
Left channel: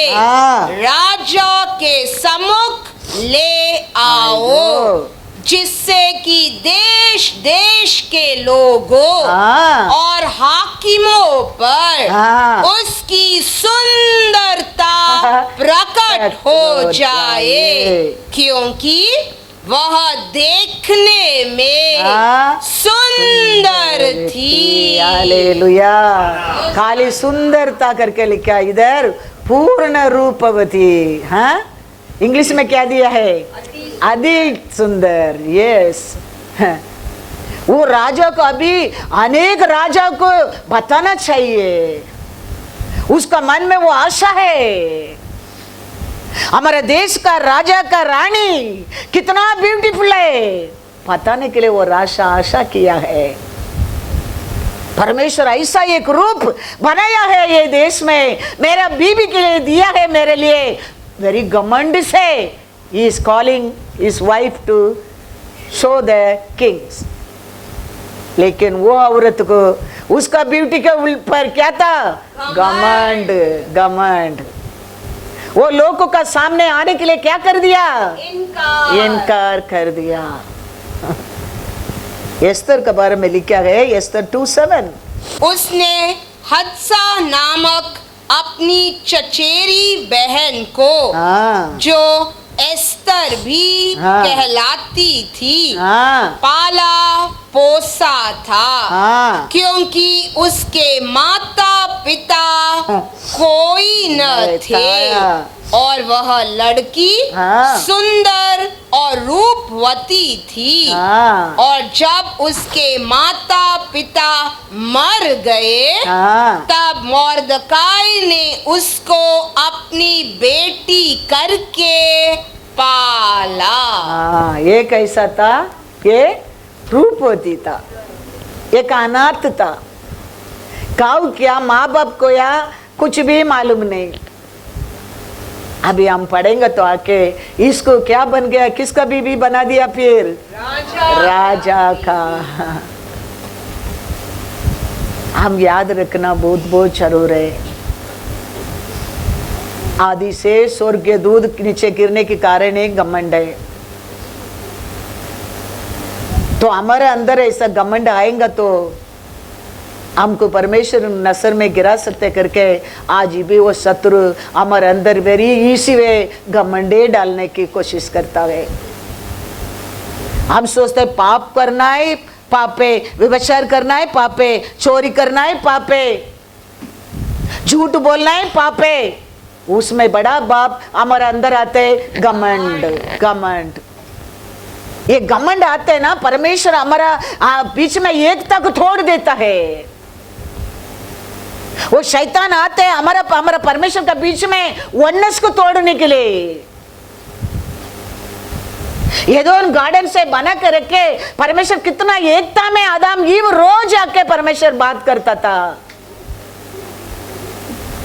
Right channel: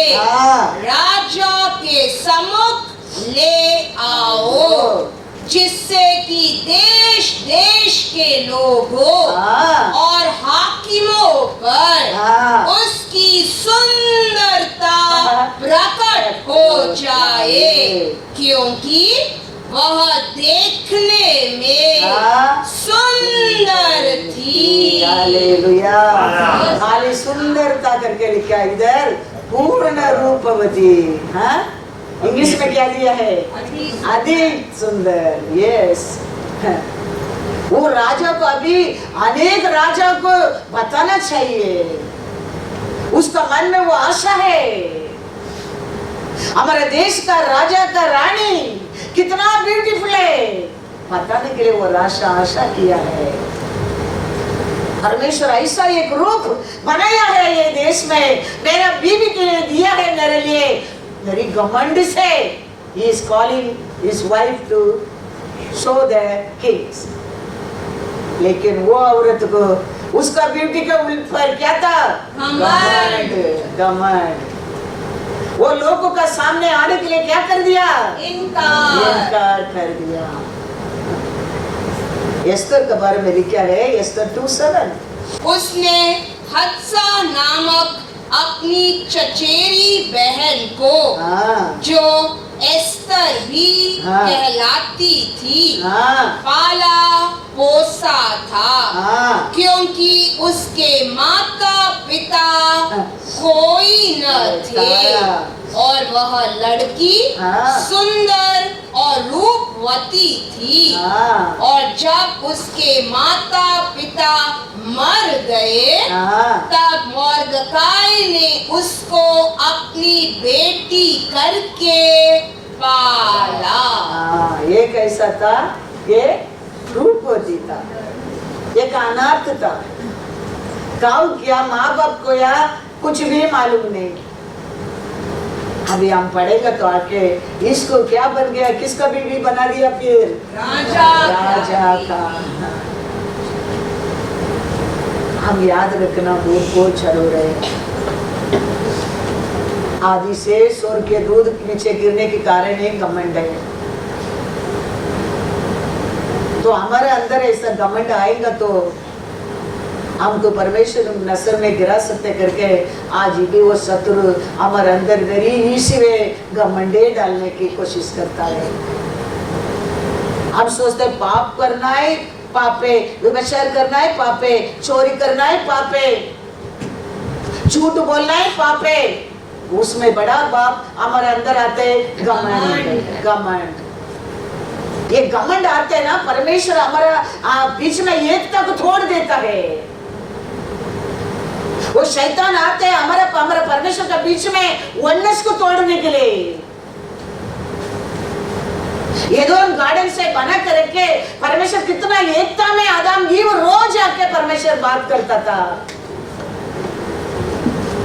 राजा के सम्मुख ले आओ, जिससे कि देश देश के लोगों और हाकिमों पर उसकी सुंदरता प्रकट हो जाए, क्योंकि वह देखने में सुंदर थी। हालेलुया। खाली सुंदरता करके लिखा इधर, पूर्ण रूपवती। हाँ, इंग्लिश में क्या दिया है? अधिक सुंदर। यस, वो राजा को अभी अनेक राजा को बताना चाहिए, उसका मन में वो आशा है हमारे देश का राजा का रानी कितना ब्यूटीफुल है, बताने के लिए वो आशा किया है। परमेश्वर ऐसा एक रूप बनाया है ये देश में, मेरा बीबी के लिए दिया है मेरे लिए, वेरी घमंड से he is calling his wife to show the kings। लेकिन वो औरत को उसका ब्यूटी के ऊपर क्या था? घमंड। घमंड। वो लोगों का सामने आने के लिए क्या कर दिया? इनकार कर दिया। एस्तर के बारे में लिखा है एस्तर 2:7। उसने हत्सा नामक अपनी चचेरी बहन को जो एस्तर बिस्तर भी हाँ। कहलाती थी। हाँ पाला पोसा था, हाँ क्योंकि उसके माता पिता हाँ। कोई न थे हाँ। और वह लड़की हाँ। सुंदर और रूपवती थी। हाँ और जब उसके माता पिता मर गए, हाँ तब मोर्दकाई ने उसको अपनी बेटी करके पाला। हाँ, ये कैसा था? ये रूपवती था, एक अनाथ था। गाँव क्या, माँ बाप को या कुछ भी मालूम नहीं। अभी हम पढ़ेंगे तो आके इसको क्या बन गया, किसका बीबी बना दिया फिर? राजा का। हम याद रखना बहुत बहुत जरूर है। आदि से स्वर्ग के दूध नीचे गिरने के कारण एक घमंड है। तो हमारे अंदर ऐसा घमंड आएगा तो हमको परमेश्वर नसर में गिरा सकते करके आज भी वो शत्रु हमारे अंदर वेरी इसी वे घमंडे डालने की कोशिश करता है। हम सोचते पाप करना है पापे, व्यभिचार करना है पापे, चोरी करना है पापे, झूठ बोलना है पापे। उसमें बड़ा बाप हमारे अंदर आते घमंड। घमंड, ये घमंड आते हैं ना, परमेश्वर हमारा बीच में एकता को तोड़ देता है। वो शैतान आते हैं हमारा परमेश्वर के बीच में वननेस को तोड़ने के लिए। ये दोनों गार्डन से बना कर रखे परमेश्वर कितना एकता में आदम ईव रोज आके परमेश्वर बात करता था,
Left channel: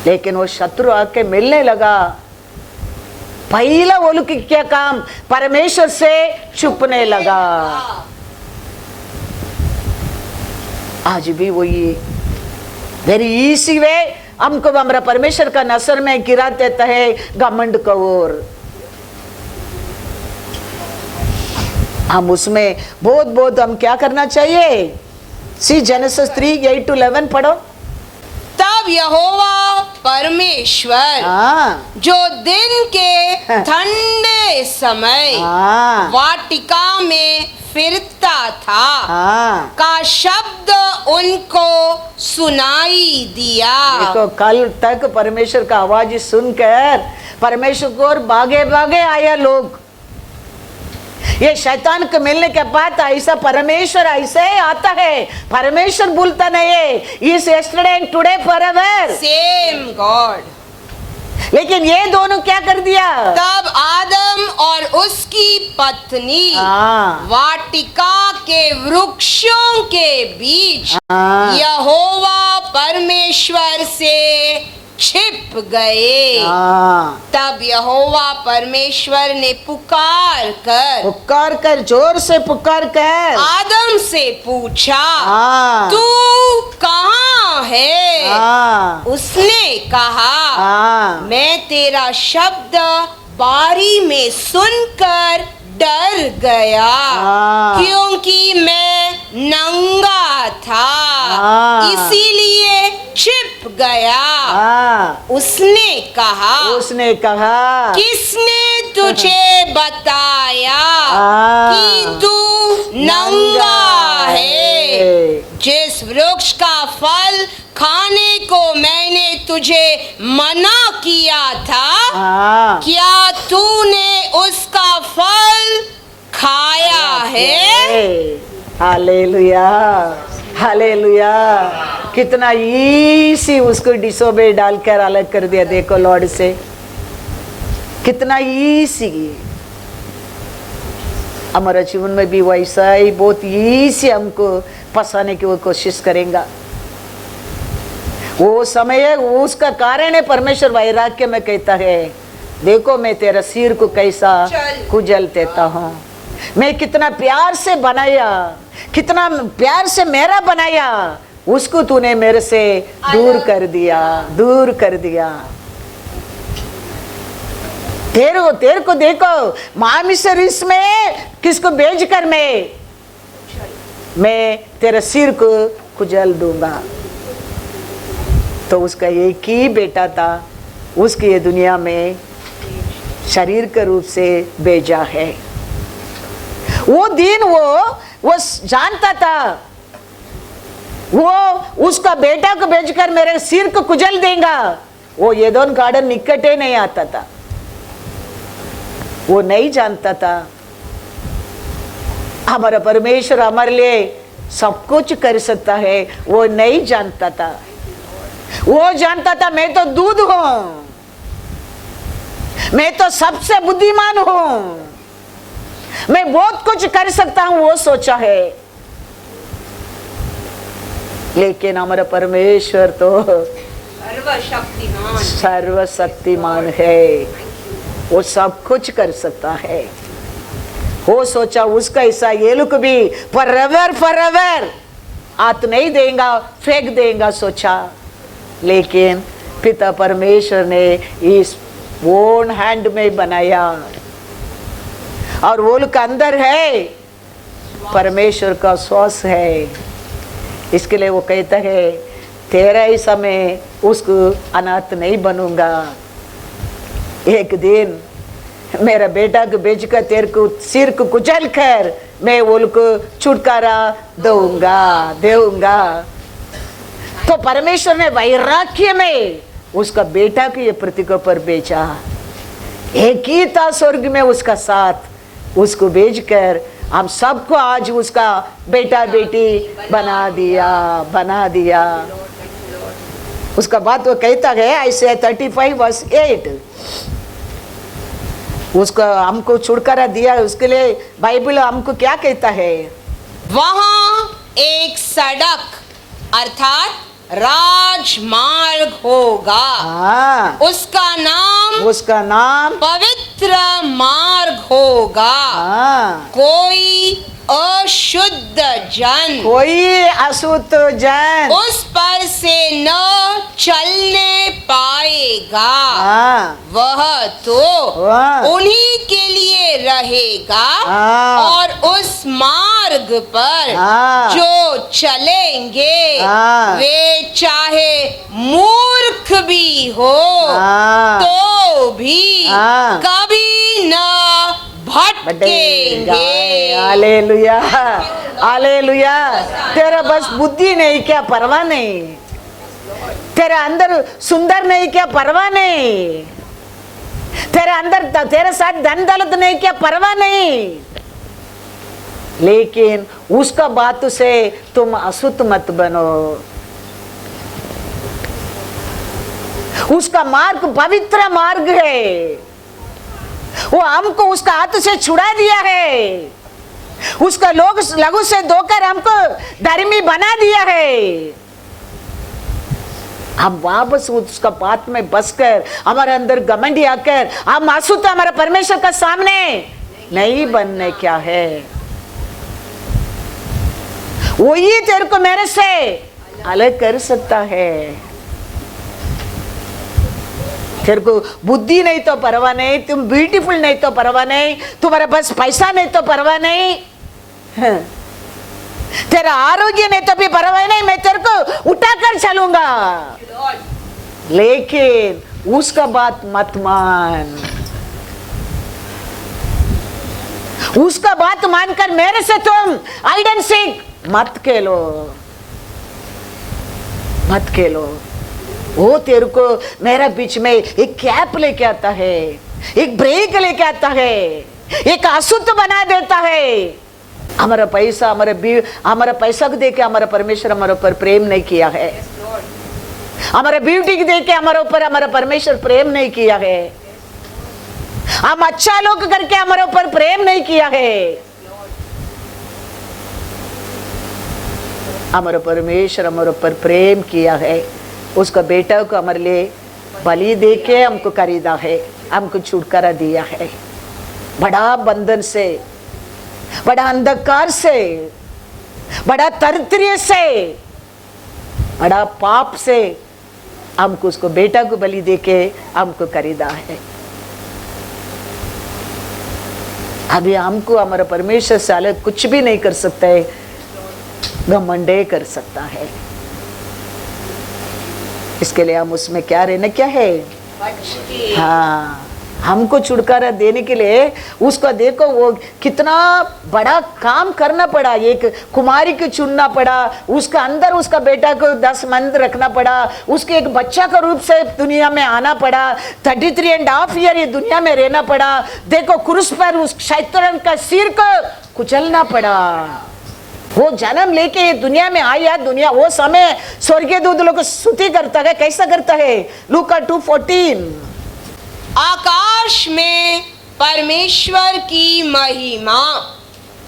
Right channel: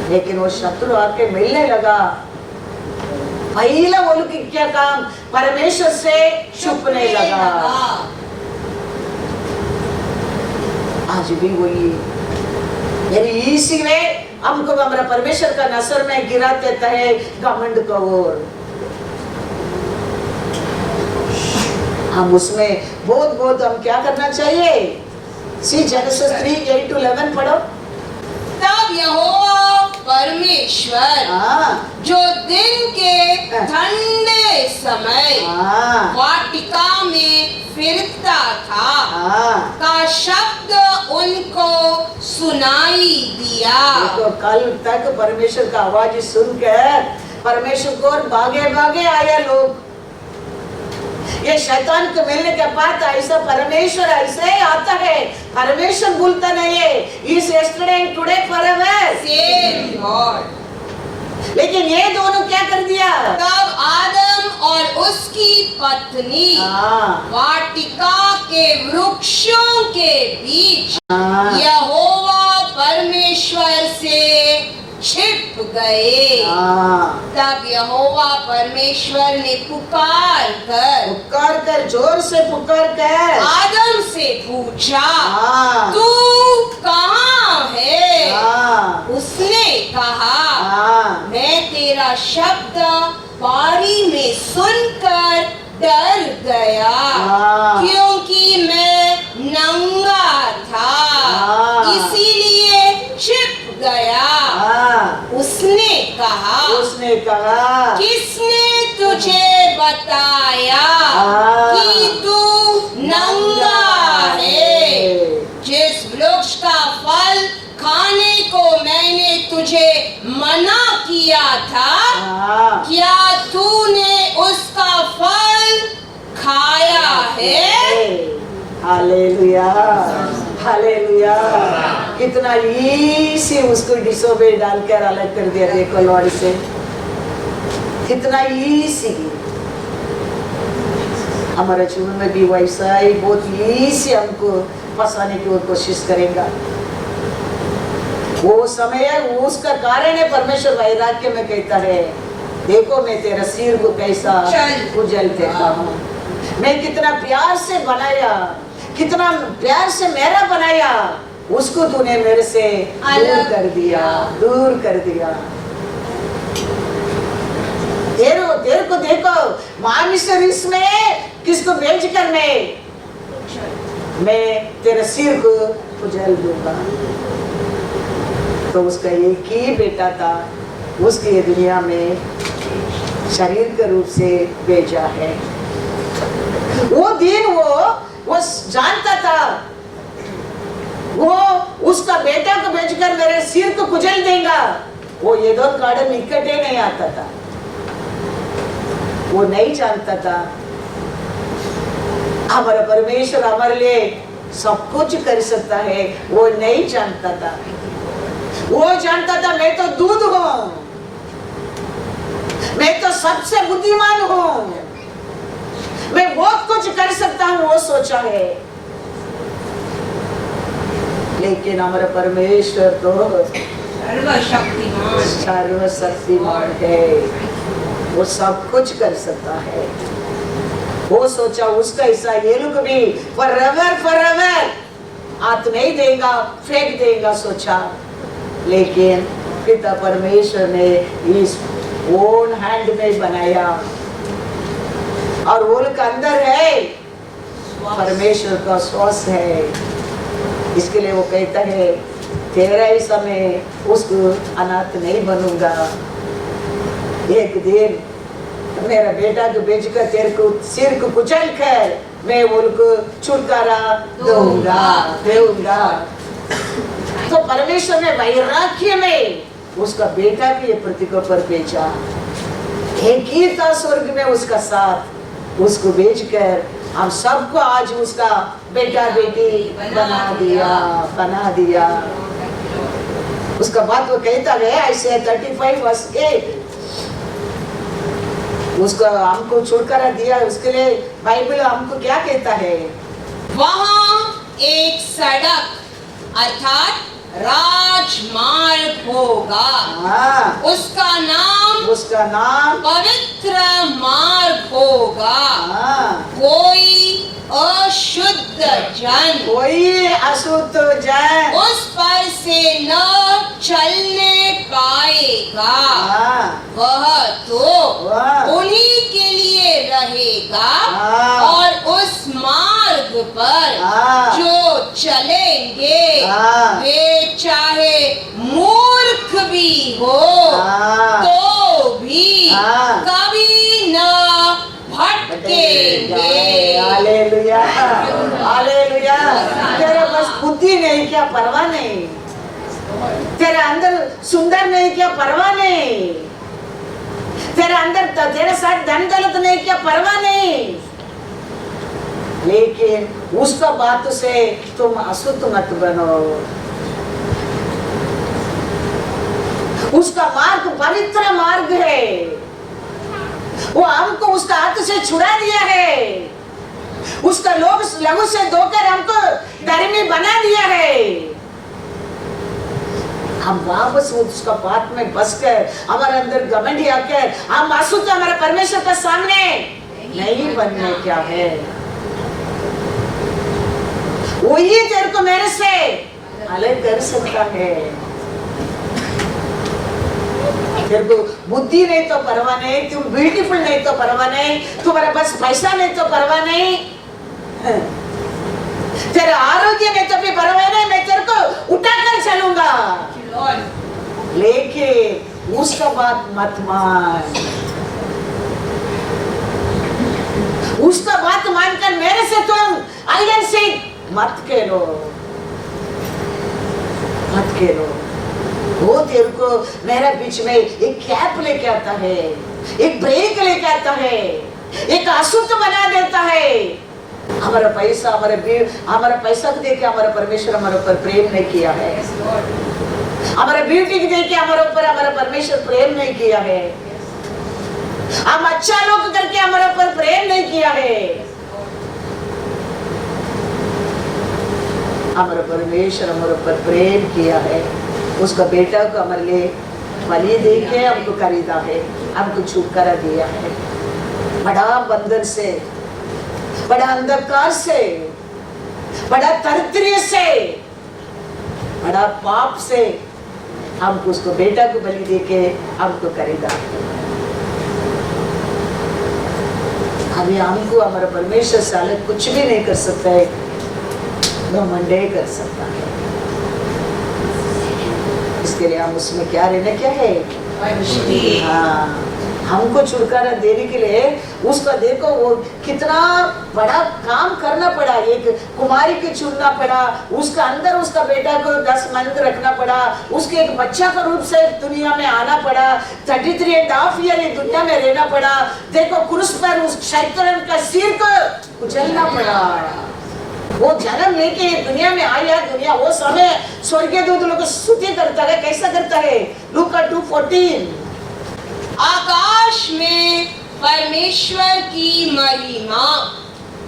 लेकिन वो शत्रु आके मिलने लगा। पहला वो लोग क्या काम, परमेश्वर से छुपने लगा। आज भी वही वेरी इजी वे हमको हमारा परमेश्वर का नसर में गिरा देता है घमंड को। और हम उसमें बहुत हम क्या करना चाहिए? सी जेनेसिस 3:8-11 पढ़ो। तब यहोवा परमेश्वर जो दिन के ठंडे समय वाटिका में फिरता था का शब्द उनको सुनाई दिया। देखो कल तक परमेश्वर का आवाज सुनकर परमेश्वर को भागे भागे आया लोग। ये शैतान को मिलने के बाद ऐसा परमेश्वर ऐसे आता है। परमेश्वर भूलता नहीं है। इस yesterday and today forever same God. लेकिन ये दोनों क्या कर दिया? तब आदम और उसकी पत्नी वाटिका के वृक्षों के बीच यहोवा परमेश्वर से छिप गए। तब यहोवा परमेश्वर ने पुकार कर जोर से पुकार कर आदम से पूछा, तू कहाँ है? उसने कहा, मैं तेरा शब्द बारी में सुनकर डर गया, क्योंकि मैं नंगा था, इसीलिए छिप गया। उसने कहा किसने तुझे बताया कि तू नंगा है? जिस वृक्ष का फल खाने को मैंने तुझे मना किया था, क्या तूने उसका फल खाया है? Hallelujah, hallelujah. कितना इजी उसको डिसोबे डालकर अलग कर दिया। देखो लॉर्ड से कितना इजी। हमारे जीवन में भी वैसा ही बहुत इजी हमको फंसाने की वो कोशिश करेगा। वो समय है, उसका कारण है परमेश्वर वैराग्य में कहता है, देखो मैं तेरा सिर को कैसा कुचल देता हूँ। मैं कितना प्यार से बनाया, कितना प्यार से मेरा बनाया, उसको तूने मेरे से दूर कर दिया, दूर कर दिया। तेरे को देखो मामिसरिस में किसको भेज कर मैं तेरा सिर को कुचल दूंगा। तो उसका एक ही बेटा था, उसकी ये दुनिया में शरीर के रूप से भेजा है। वो दिन वो जानता था वो उसका बेटा को भेजकर मेरे सिर को कुचल देगा। वो एदोम गार्डन निकट ही नहीं आता था। वो नहीं जानता था हमारा परमेश्वर हमारे लिए सब कुछ कर सकता है। वो नहीं जानता था। वो जानता था मैं तो दूध हूं, मैं तो सबसे बुद्धिमान हूं, मैं बहुत कुछ कर सकता हूं, वो सोचा है। लेकिन हमारा परमेश्वर तो सर्वशक्तिमान है। वो सब कुछ कर सकता है। वो सोचा उसका हिस्सा ये लोग भी फॉरएवर हाथ नहीं देगा, फेंक देगा सोचा। लेकिन पिता परमेश्वर ने इस ओन हैंड में बनाया और वो लोग अंदर है परमेश्वर का श्वास है। इसके लिए वो कहता है तेरा ही समय उसको अनाथ नहीं बनूंगा। एक दिन मेरा बेटा को बेचकर तेरे को सिर को कुचल कर मैं वो को छुटकारा दूंगा। तो परमेश्वर ने वैराग्य में उसका बेटा को ये पृथ्वी पर भेजा। एक ही था स्वर्ग में उसका साथ, उसको भेजकर हम सबको आज उसका बेटा बेटी बना दिया। उसका बात वो कहता है ऐसे 35:8 उसको हमको छुटकारा दिया। उसके लिए बाइबल हमको क्या कहता है? वहाँ एक सड़क अर्थात राजमार्ग होगा। उसका नाम पवित्र मार्ग होगा। कोई अशुद्ध जन उस पर से न चलने पाएगा। वह तो उन्हीं के लिए रहेगा और उस मार्ग पर जो चलेंगे वे चाहे मूर्ख भी हो तो भी कभी न भटकेंगे। Hallelujah, hallelujah. तेरा बस बुद्धि नहीं क्या परवाह नहीं, तेरे अंदर सुंदर नहीं क्या परवाह नहीं, तेरे अंदर तेरे साथ धन दौलत नहीं क्या परवाह नहीं। लेकिन उसका बात से तुम अशुद्ध मत बनो। उसका मार्ग पवित्र मार्ग है। वो हमको उसका हाथ से छुड़ा दिया है। उसका लोग लघु से धोकर हमको धर्मी बना दिया है। हम वापस उसका बात में बसकर हमारे अंदर घमंडी आकर हम अशुद्ध हमारे परमेश्वर का सामने नहीं बनने क्या है। वही तेरे को मेरे से अलग कर सकता है। तेरे को बुद्धि नहीं तो परवाह नहीं, तुम ब्यूटीफुल नहीं तो परवाह नहीं, तुम्हारे पास पैसा नहीं तो परवाह नहीं, तेरा आरोग्य नहीं तो भी परवाह नहीं, मैं तेरे को उठाकर चलूंगा। लेकिन उसका बात मत मान। उसका बात मानकर मेरे से तुम आइडेंट सीख मत खेलो। वो तेरे को मेरा बीच में एक कैप लेके आता है, एक ब्रेक लेके आता है, एक अशुद्ध बना देता है। हमारा पैसा को देके हमारा परमेश्वर हमारे ऊपर प्रेम नहीं किया है। हमारे ब्यूटी को देके हमारे ऊपर हमारा परमेश्वर प्रेम नहीं किया है। हम अच्छा लोग करके हमारे ऊपर प्रेम नहीं किया है। हमारा परमेश्वर हमारे ऊपर प्रेम किया है। उसका बेटा को हमारे लिए बलि देके हमको खरीदा है, हमको छुटकारा दिया है। बड़ा बंधन से, बड़ा अंधकार से, बड़ा दरिद्र से, बड़ा पाप से हमको उसको बेटा को बलि देके हमको खरीदा है। अभी हमको हमारा परमेश्वर से अलग कुछ भी नहीं कर सकता है, घमंड कर सकता है। इसके लिए हम उसमें क्या रहना क्या है? हाँ, हमको छुटकारा देने के लिए उसका देखो वो कितना बड़ा काम करना पड़ा। एक कुमारी को चुनना पड़ा, उसका अंदर उसका बेटा को 10 मंथ रखना पड़ा, उसके एक बच्चा का रूप से दुनिया में आना पड़ा, 33.5 ईयर ये दुनिया में रहना पड़ा। देखो क्रूस पर उस शैतान का सिर को कुचलना पड़ा। वो जन्म लेके दुनिया में आया। दुनिया वो समय स्वर्गीय दूत लोग स्तुति करता है। कैसा करता है? लूका 2:14 आकाश में परमेश्वर की महिमा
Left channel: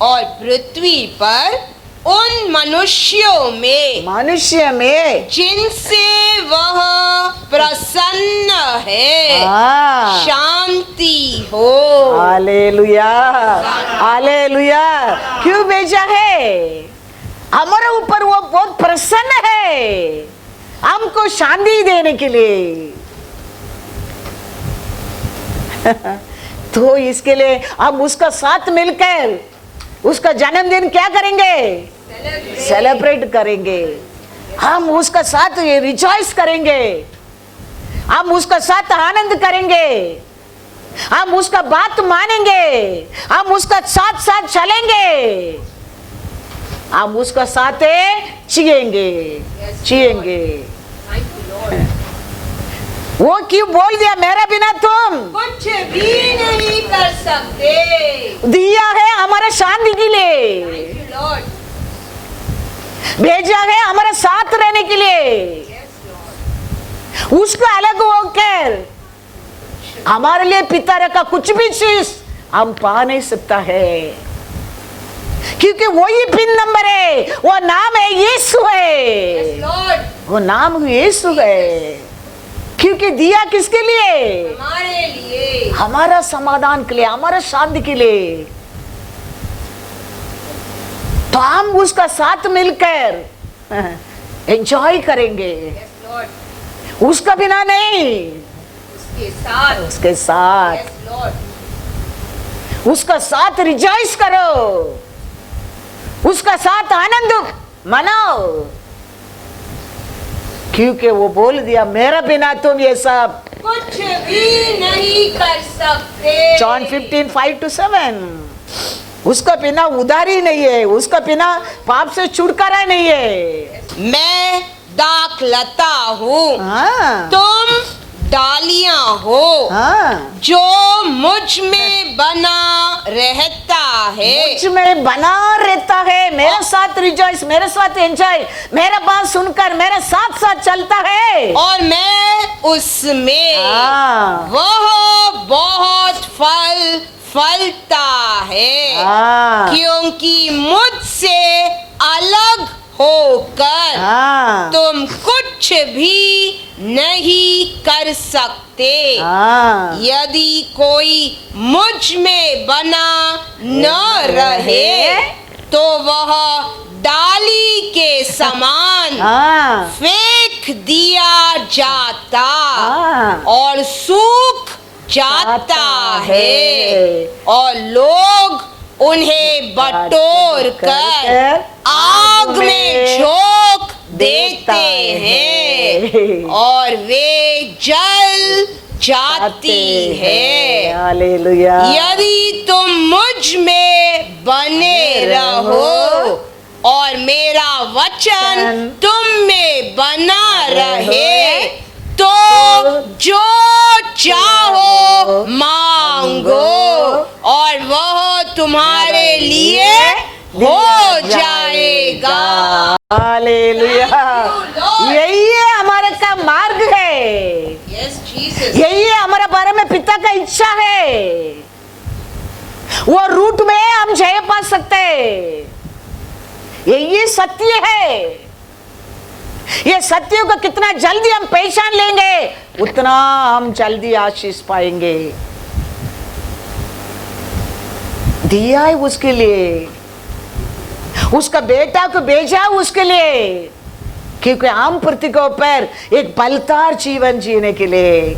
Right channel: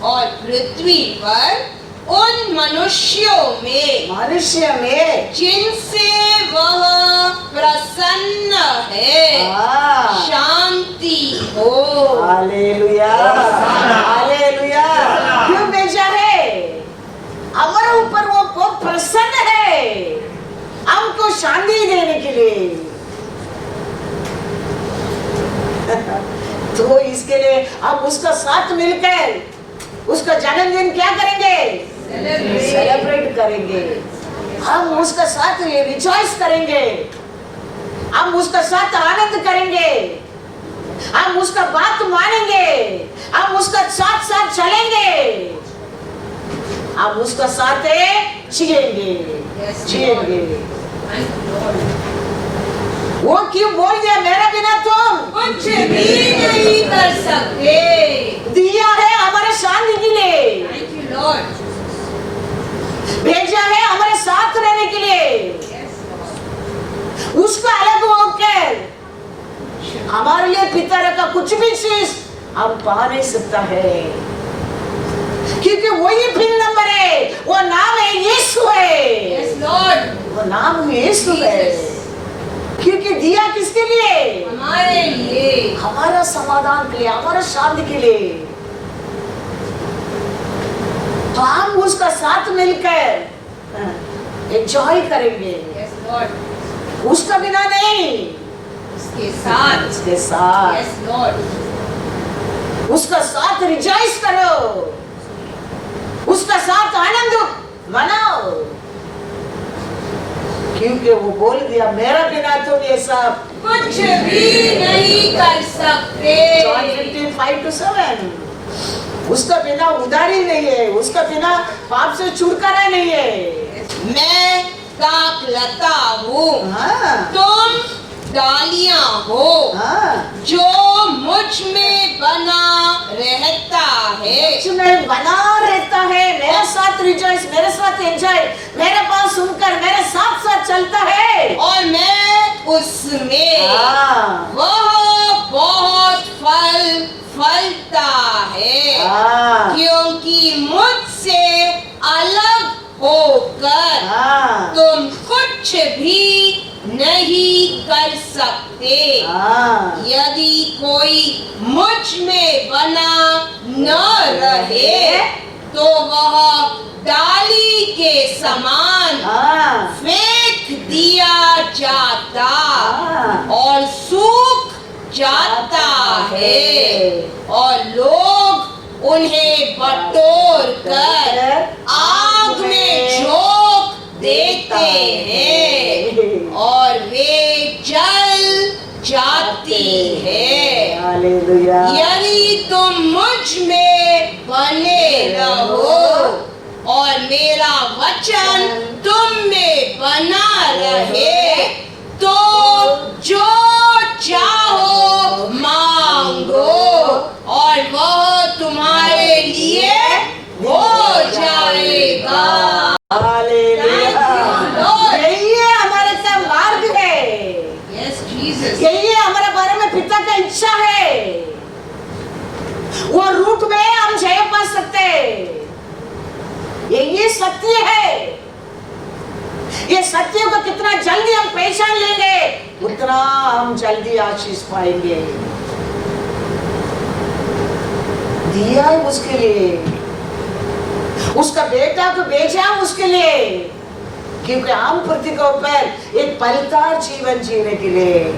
और पृथ्वी पर उन मनुष्यों में जिनसे वह प्रसन्न है शांति हो। Hallelujah, hallelujah. क्यों भेजा है? हमारे ऊपर वो बहुत प्रसन्न है, हमको शांति देने के लिए। तो इसके लिए हम उसका साथ मिलकर उसका जन्मदिन क्या करेंगे? सेलिब्रेट करेंगे। हम उसका साथ रिजॉइस करेंगे, हम उसका साथ आनंद करेंगे, हम उसका बात मानेंगे, हम उसका साथ साथ चलेंगे, हम उसका साथ जिएंगे। वो क्यों बोल दिया मेरे बिना तुम कुछ भी नहीं कर सकते? दिया है हमारे शांति के लिए, थैंक यू लॉर्ड। भेजा है हमारे साथ रहने के लिए। उसका अलग होकर हमारे लिए पिता रखा कुछ भी चीज हम पा नहीं सकता है, क्योंकि वही पिन नंबर है। वो नाम है यीशु है। यस लॉर्ड, वो नाम यीशु है। क्योंकि दिया किसके लिए? हमारे लिए, हमारा समाधान के लिए, हमारा शांति के लिए। तो हम उसका साथ मिलकर एंजॉय करेंगे। यस लॉर्ड, उसका बिना नहीं, उसके साथ, उसके साथ, यस लॉर्ड, उसका साथ रिजॉइस करो, उसका साथ आनंद मनाओ। क्योंकि वो बोल दिया मेरा बिना तुम ये सब कुछ भी नहीं कर सकते। जॉन 15:5-7। उसका बिना उधारी नहीं है, उसका बिना पाप से छुटकारा नहीं है। मैं दाखलता हूँ, हाँ, तुम डालियां हो। हाँ, जो मुझ में बना रहता है, मुझ में बना रहता है, मेरे साथ रिजॉइस, मेरे साथ एंजॉय, मेरा बात सुनकर मेरे साथ साथ चलता है, और मैं उसमें, हाँ, वह बहुत फल फलता है। हाँ, क्योंकि मुझसे अलग होकर हाँ, तुम कुछ भी नहीं कर सकते। हाँ, यदि कोई मुझ में बना न रहे तो वह डाली के समान हाँ, फेंक दिया जाता हाँ, और सूख जाता है, और लोग उन्हें बटोर कर आग में झोंक देते हैं और वे जल जाती है। हालेलुया। यदि तुम मुझ में बने रहो और मेरा वचन तुम में बना रहे, तो जो चाहो मांगो और वह तुम्हारे लिए हो जाएगा। हालेलुया। यही है हमारे का मार्ग है, यस जीसस, यही है हमारे बारे में पिता का इच्छा है। वो रूट में हम जय पा सकते हैं। ये सत्य है। ये सत्य को कितना जल्दी हम पहचान लेंगे उतना हम जल्दी आशीष पाएंगे। दिया है उसके लिए, उसका बेटा को भेजा उसके लिए, क्योंकि हम पृथ्वी के ऊपर एक बलदार जीवन जीने के लिए,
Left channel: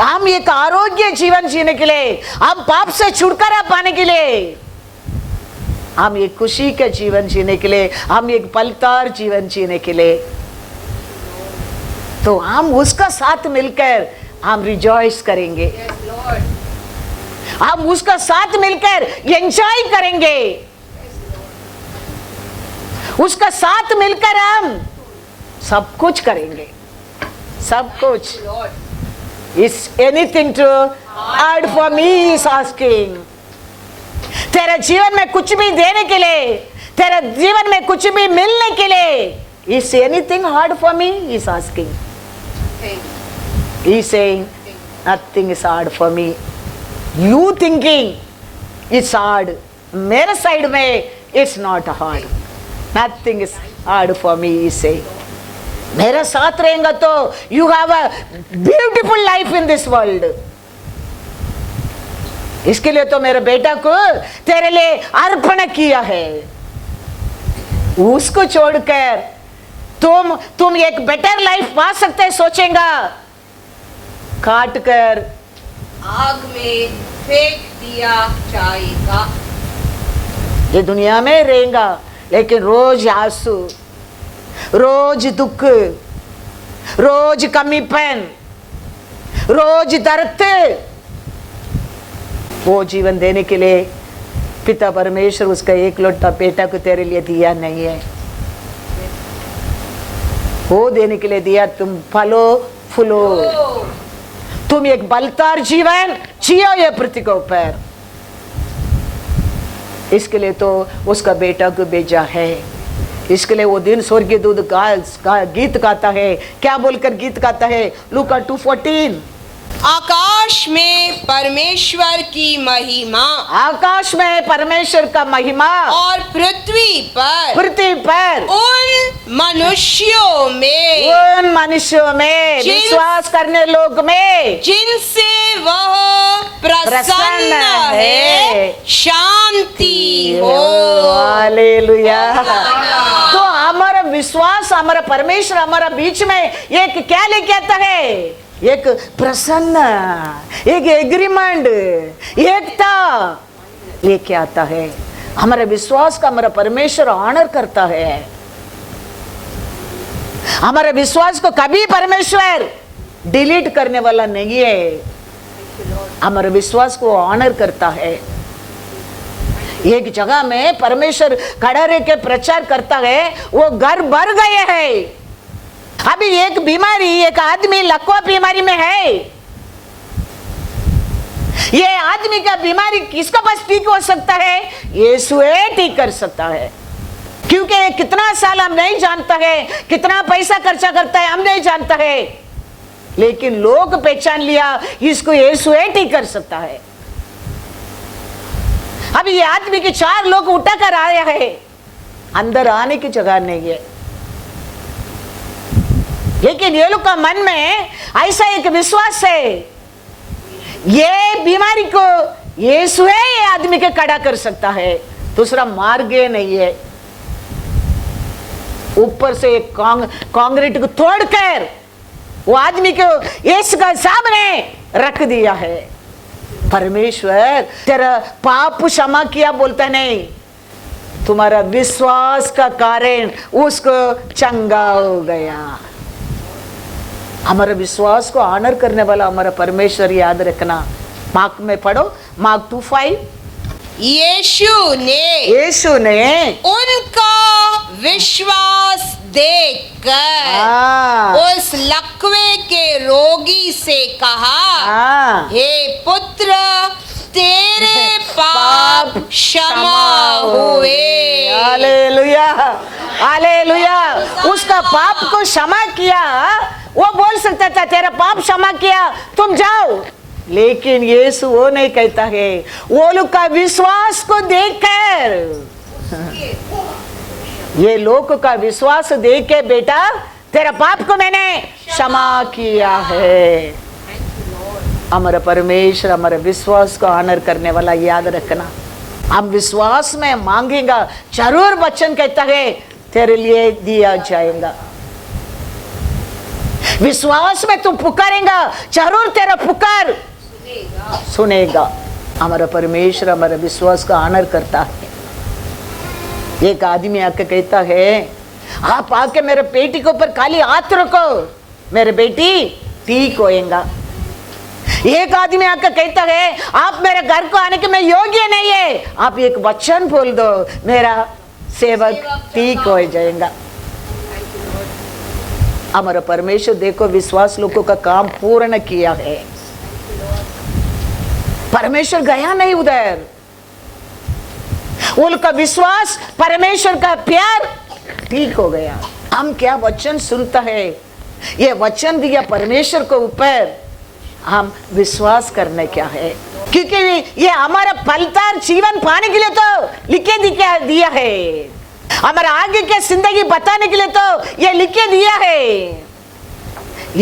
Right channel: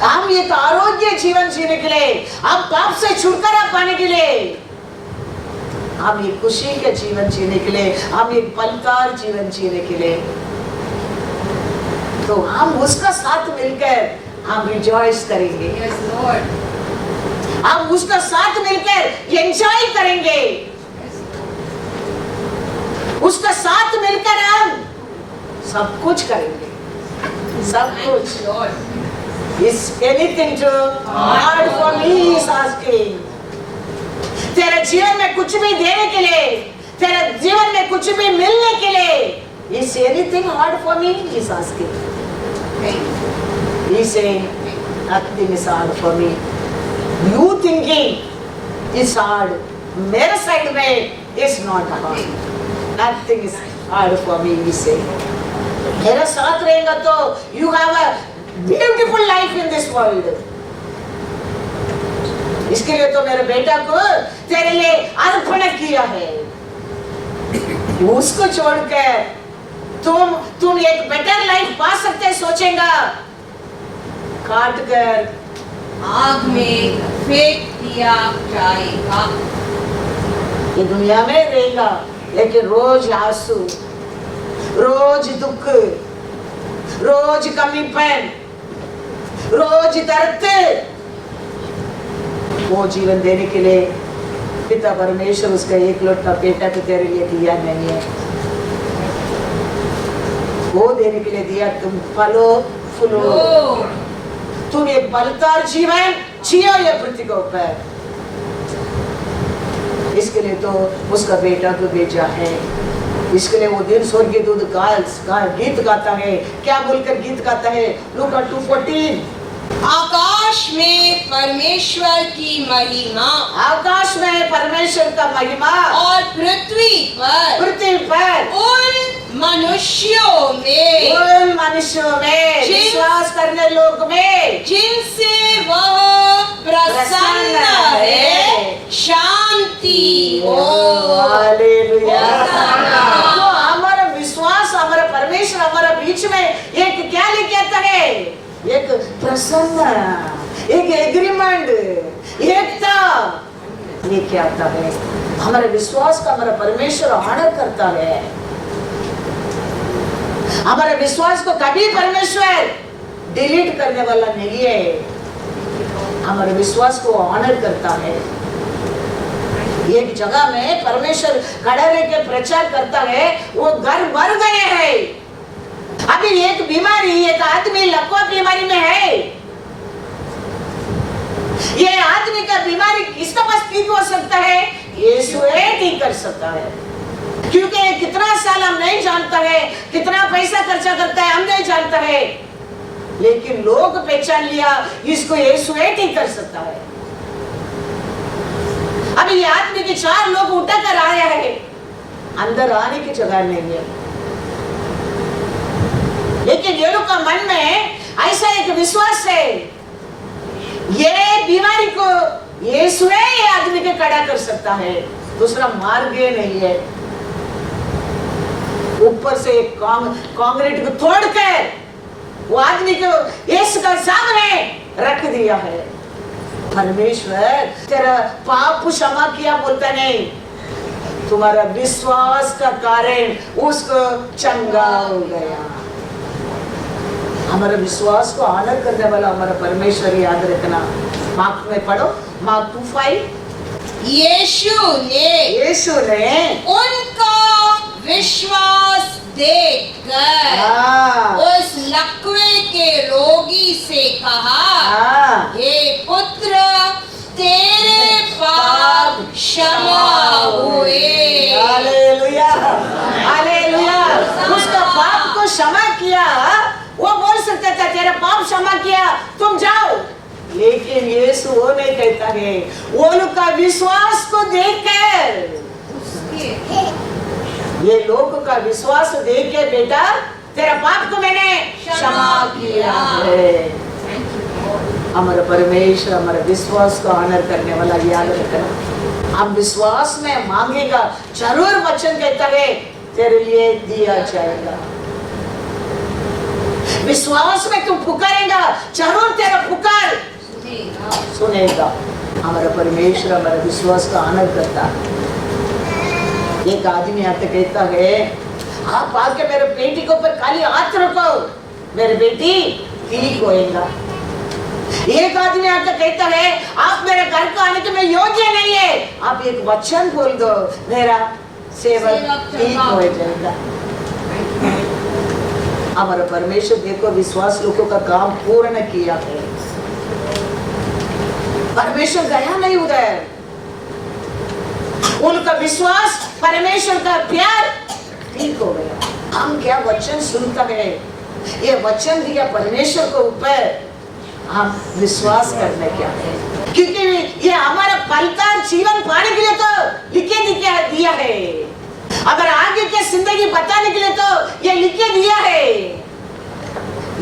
हम एक आरोग्य जीवन जीने के लिए, हम पाप से छुटकारा पाने के लिए, हम एक खुशी का जीवन जीने के लिए, हम एक बलदार जीवन जीने के लिए। तो हम उसका साथ मिलकर हम रिजॉइस करेंगे, हम उसका साथ मिलकर एंजॉय करेंगे, उसका साथ मिलकर हम सब कुछ करेंगे, सब कुछ। Is anything too hard for me? Is asking. तेरे जीवन में कुछ भी देने के लिए, तेरे जीवन में कुछ भी मिलने के लिए, is anything hard for me? Is asking. He saying nothing is hard for me. You thinking it's hard. मेरे साइड में it's not hard. Nothing is hard for me. He say. मेरा साथ रहेगा तो you have a beautiful life in this world. इसके लिए तो मेरे बेटा को तेरे लिए अर्पण किया है। उसको छोड़कर तुम एक बेटर लाइफ पा सकते सोचेगा, काट कर आग में फेंक दिया जाएगा। ये दुनिया में रहेगा लेकिन रोज आंसू, रोज दुख, रोज कमीपन, रोज दर्द, वो जीवन देने के लिए पिता परमेश्वर उसका एक लौटा बेटा को तेरे लिए दिया नहीं है। वो देने के लिए दिया, तुम फलो फूलो, तुम एक बलदार जीवन जियो ये पृथ्वी के ऊपर। इसके लिए तो उसका बेटा को भेजा है। इसके लिए वो दिन स्वर्गीय दूत गीत गाता है। क्या बोलकर गीत गाता है? लूका 2:14, आकाश में परमेश्वर की महिमा, आकाश में परमेश्वर का महिमा, और पृथ्वी पर उन मनुष्यों में विश्वास करने लोग में जिनसे वह प्रसन्न है, शांति हो। हालेलुया। तो हमारा विश्वास, हमारा परमेश्वर हमारे बीच में एक क्या लेके आता है? एक प्रसन्न, एक एग्रीमेंट, एकता लेके आता है। हमारे विश्वास का हमारा परमेश्वर ऑनर करता है। हमारे विश्वास को कभी परमेश्वर डिलीट करने वाला नहीं है। हमारे विश्वास को ऑनर करता है। एक जगह में परमेश्वर खड़ा रह के प्रचार करता है, वो घर भर गए हैं। अभी एक बीमारी, एक आदमी लकवा बीमारी में है। ये आदमी का बीमारी किसका पास ठीक हो सकता है? यीशु ठीक कर सकता है। क्योंकि कितना साल हम नहीं जानता है, कितना पैसा खर्चा करता है हम नहीं जानता है, लेकिन लोग पहचान लिया इसको यीशु ठीक कर सकता है। अभी ये आदमी के 4 लोग उठा कर आए हैं, अंदर आने की जगह नहीं है, लेकिन ये लोग का मन में ऐसा एक विश्वास है, ये बीमारी को यीशु ये आदमी के खड़ा कर सकता है, दूसरा मार्ग नहीं है। ऊपर से कांक्रीट को तोड़कर वो आदमी को यीशु के सामने रख दिया है। परमेश्वर तेरा पाप क्षमा किया बोलता नहीं, तुम्हारा विश्वास का कारण उसको चंगा हो गया। हमारे विश्वास को ऑनर करने वाला हमारा परमेश्वर, याद रखना। मार्क में पढ़ो, मार्क 2:5। यीशु ने उनका विश्वास देखकर उस लकवे के रोगी से कहा, हे पुत्र, तेरे पाप क्षमा हुए। Hallelujah, hallelujah. उसका पाप को क्षमा किया। वो बोल सकता था तेरा पाप क्षमा किया, तुम जाओ, लेकिन यीशु वो नहीं कहता है। वो लोग का विश्वास को देखकर, ये लोग का विश्वास देख के, बेटा तेरा पाप को मैंने क्षमा किया है। हमारा परमेश्वर हमारे विश्वास को ऑनर करने वाला, याद रखना। आप विश्वास में मांगेगा, जरूर वचन कहता है तेरे लिए दिया जाएगा। विश्वास में तू पुकारेगा, जरूर तेरा पुकार सुनेगा। हमारा परमेश्वर हमारा विश्वास का ऑनर करता है। एक आदमी आके कहता है, आप आके मेरे पेटी के ऊपर खाली हाथ रखो, मेरे बेटी ठीक होएगा। एक आदमी आकर कहता है आप मेरे घर को आने के मैं योग्य नहीं है, आप एक वचन बोल दो मेरा सेवक ठीक हो जाएगा। हमारा परमेश्वर देखो विश्वास लोगों का काम पूर्ण किया है। परमेश्वर गया नहीं उधर, उनका विश्वास परमेश्वर का प्यार ठीक हो गया। हम क्या वचन सुनता है, ये वचन दिया परमेश्वर को ऊपर, हम विश्वास करने क्या है, क्योंकि ये हमारा फलदार जीवन पाने के लिए तो लिखे दिया है, हमारे आगे के जिंदगी बताने के लिए तो ये लिखे दिया है।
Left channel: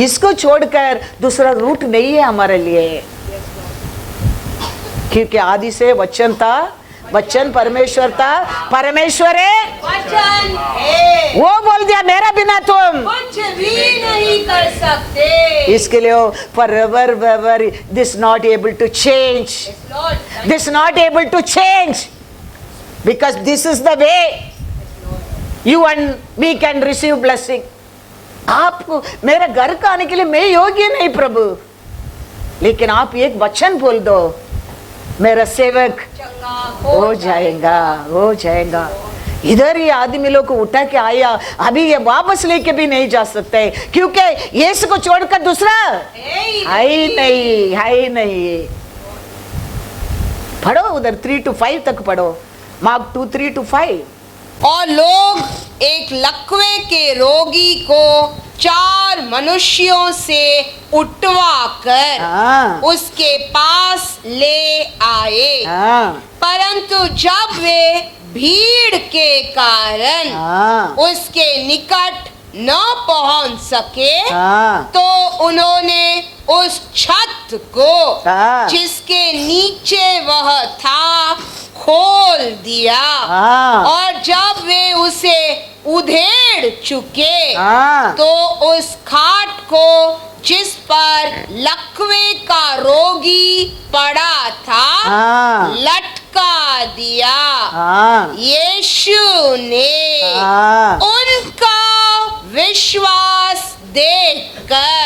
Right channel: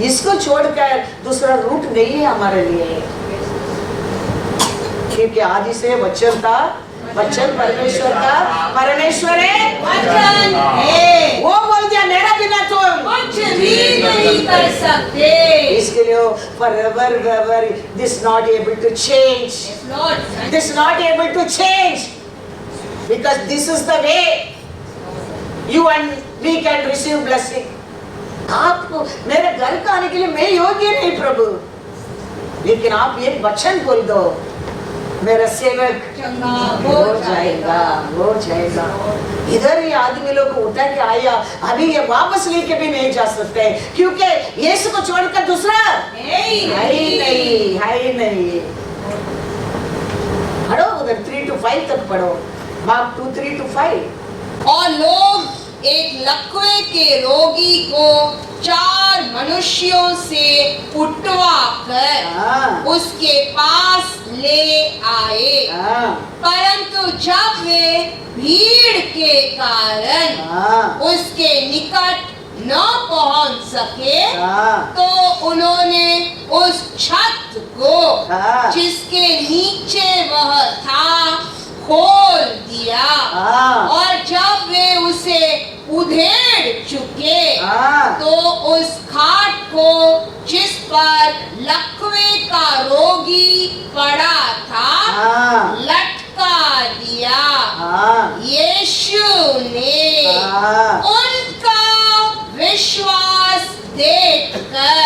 इसको छोड़कर दूसरा रूट नहीं है हमारे लिए, क्योंकि आदि से वचन था, वचन परमेश्वर था, परमेश्वर है वचन है। वो बोल दिया मेरा बिना तुम कुछ भी नहीं कर सकते। इसके लिए forever this not able to change, this not able to change, because this is the way you and me can receive blessing. आपको मेरे घर का आने के लिए मैं योग्य नहीं प्रभु, लेकिन आप एक वचन बोल दो मेरा सेवक हो जाएगा, हो जाएगा। इधर ये आदमी लोग को उठा के आया, अभी ये वापस लेके भी नहीं जा सकते, क्योंकि यीशु को छोड़कर दूसरा है नहीं। पढ़ो उधर 3 to 5 तक पढ़ो, मार्क 2 3 to 5। और लोग एक लकवे के रोगी को 4 मनुष्यों से उठवाकर उसके पास ले आए, परंतु जब वे भीड़ के कारण उसके निकट न पहुंच सके तो उन्होंने उस छत को जिसके नीचे वह था खोल दिया, और जब वे उसे उधेड़ चुके तो उस खाट को जिस पर लकवे का रोगी पड़ा था लटका दिया। यीशु ने उनका विश्वास देखकर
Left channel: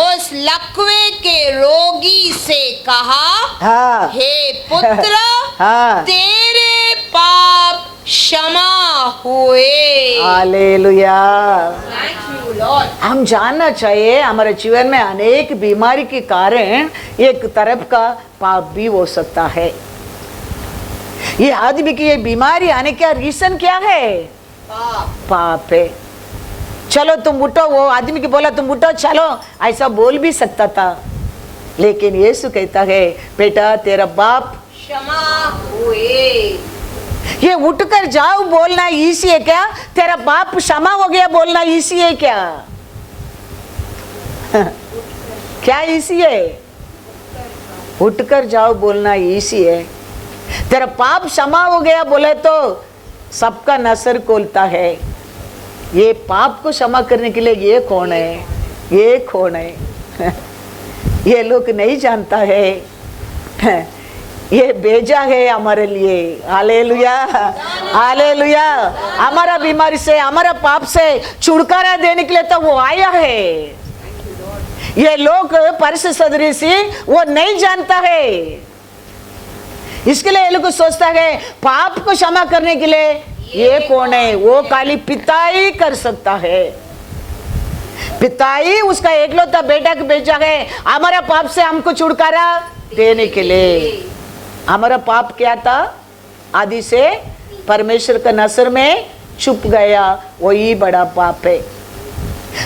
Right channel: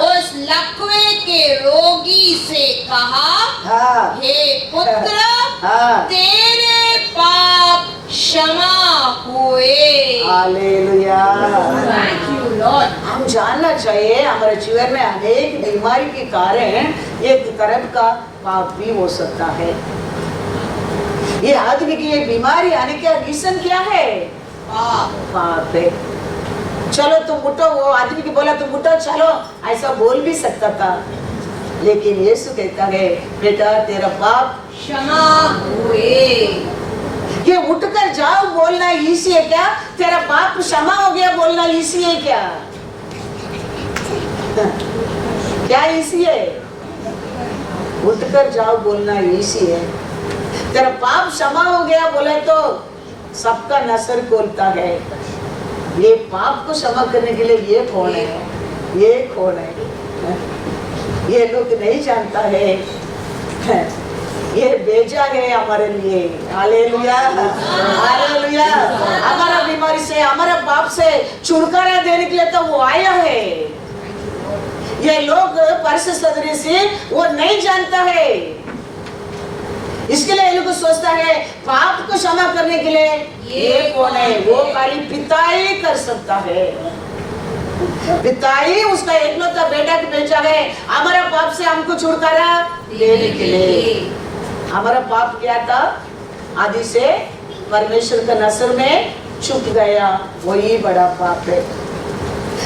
उस लकवे के रोगी से कहा, हे पुत्र तेरे पाप क्षमा हुए। हालेलुया। हम जानना चाहिए हमारे जीवन में अनेक बीमारी के कारण एक तरफ का पाप भी हो सकता है। ये आदमी की ये बीमारी आने का रीजन क्या है? पाप है। चलो तुम उठो, वो आदमी की बोला तुम उठो चलो, ऐसा बोल भी सकता था, लेकिन यीशु कहता है बेटा तेरा पाप क्षमा हुए। ये उठकर जाओ बोलना इसी है क्या? तेरा पाप क्षमा हो गया बोलना इसी है क्या? क्या इसी है? उठकर जाओ बोलना इसी है। तेरा पाप क्षमा हो गया बोले तो सबका नसर खोलता है। ये पाप को क्षमा करने के लिए ये कौन है? ये कौन है? ये लोग नहीं जानता है, ये भेजा है हमारे लिए। Hallelujah, hallelujah. हमारा बीमारी से, हमारा पाप से छुटकारा देने के लिए तो वो आया है। ये लोग परस सदरी से वो नहीं जानता है, इसके लिए ये लोग सोचता है पाप को क्षमा करने के लिए ये कौन है? वो खाली पिता ही कर सकता है। पिता ही उसका एकलौता बेटा को भेजा है हमारा पाप से हमको छुटकारा देने के लिए। हमारा पाप क्या था? आदि से परमेश्वर का नजर में छुप गया, वही बड़ा पाप है।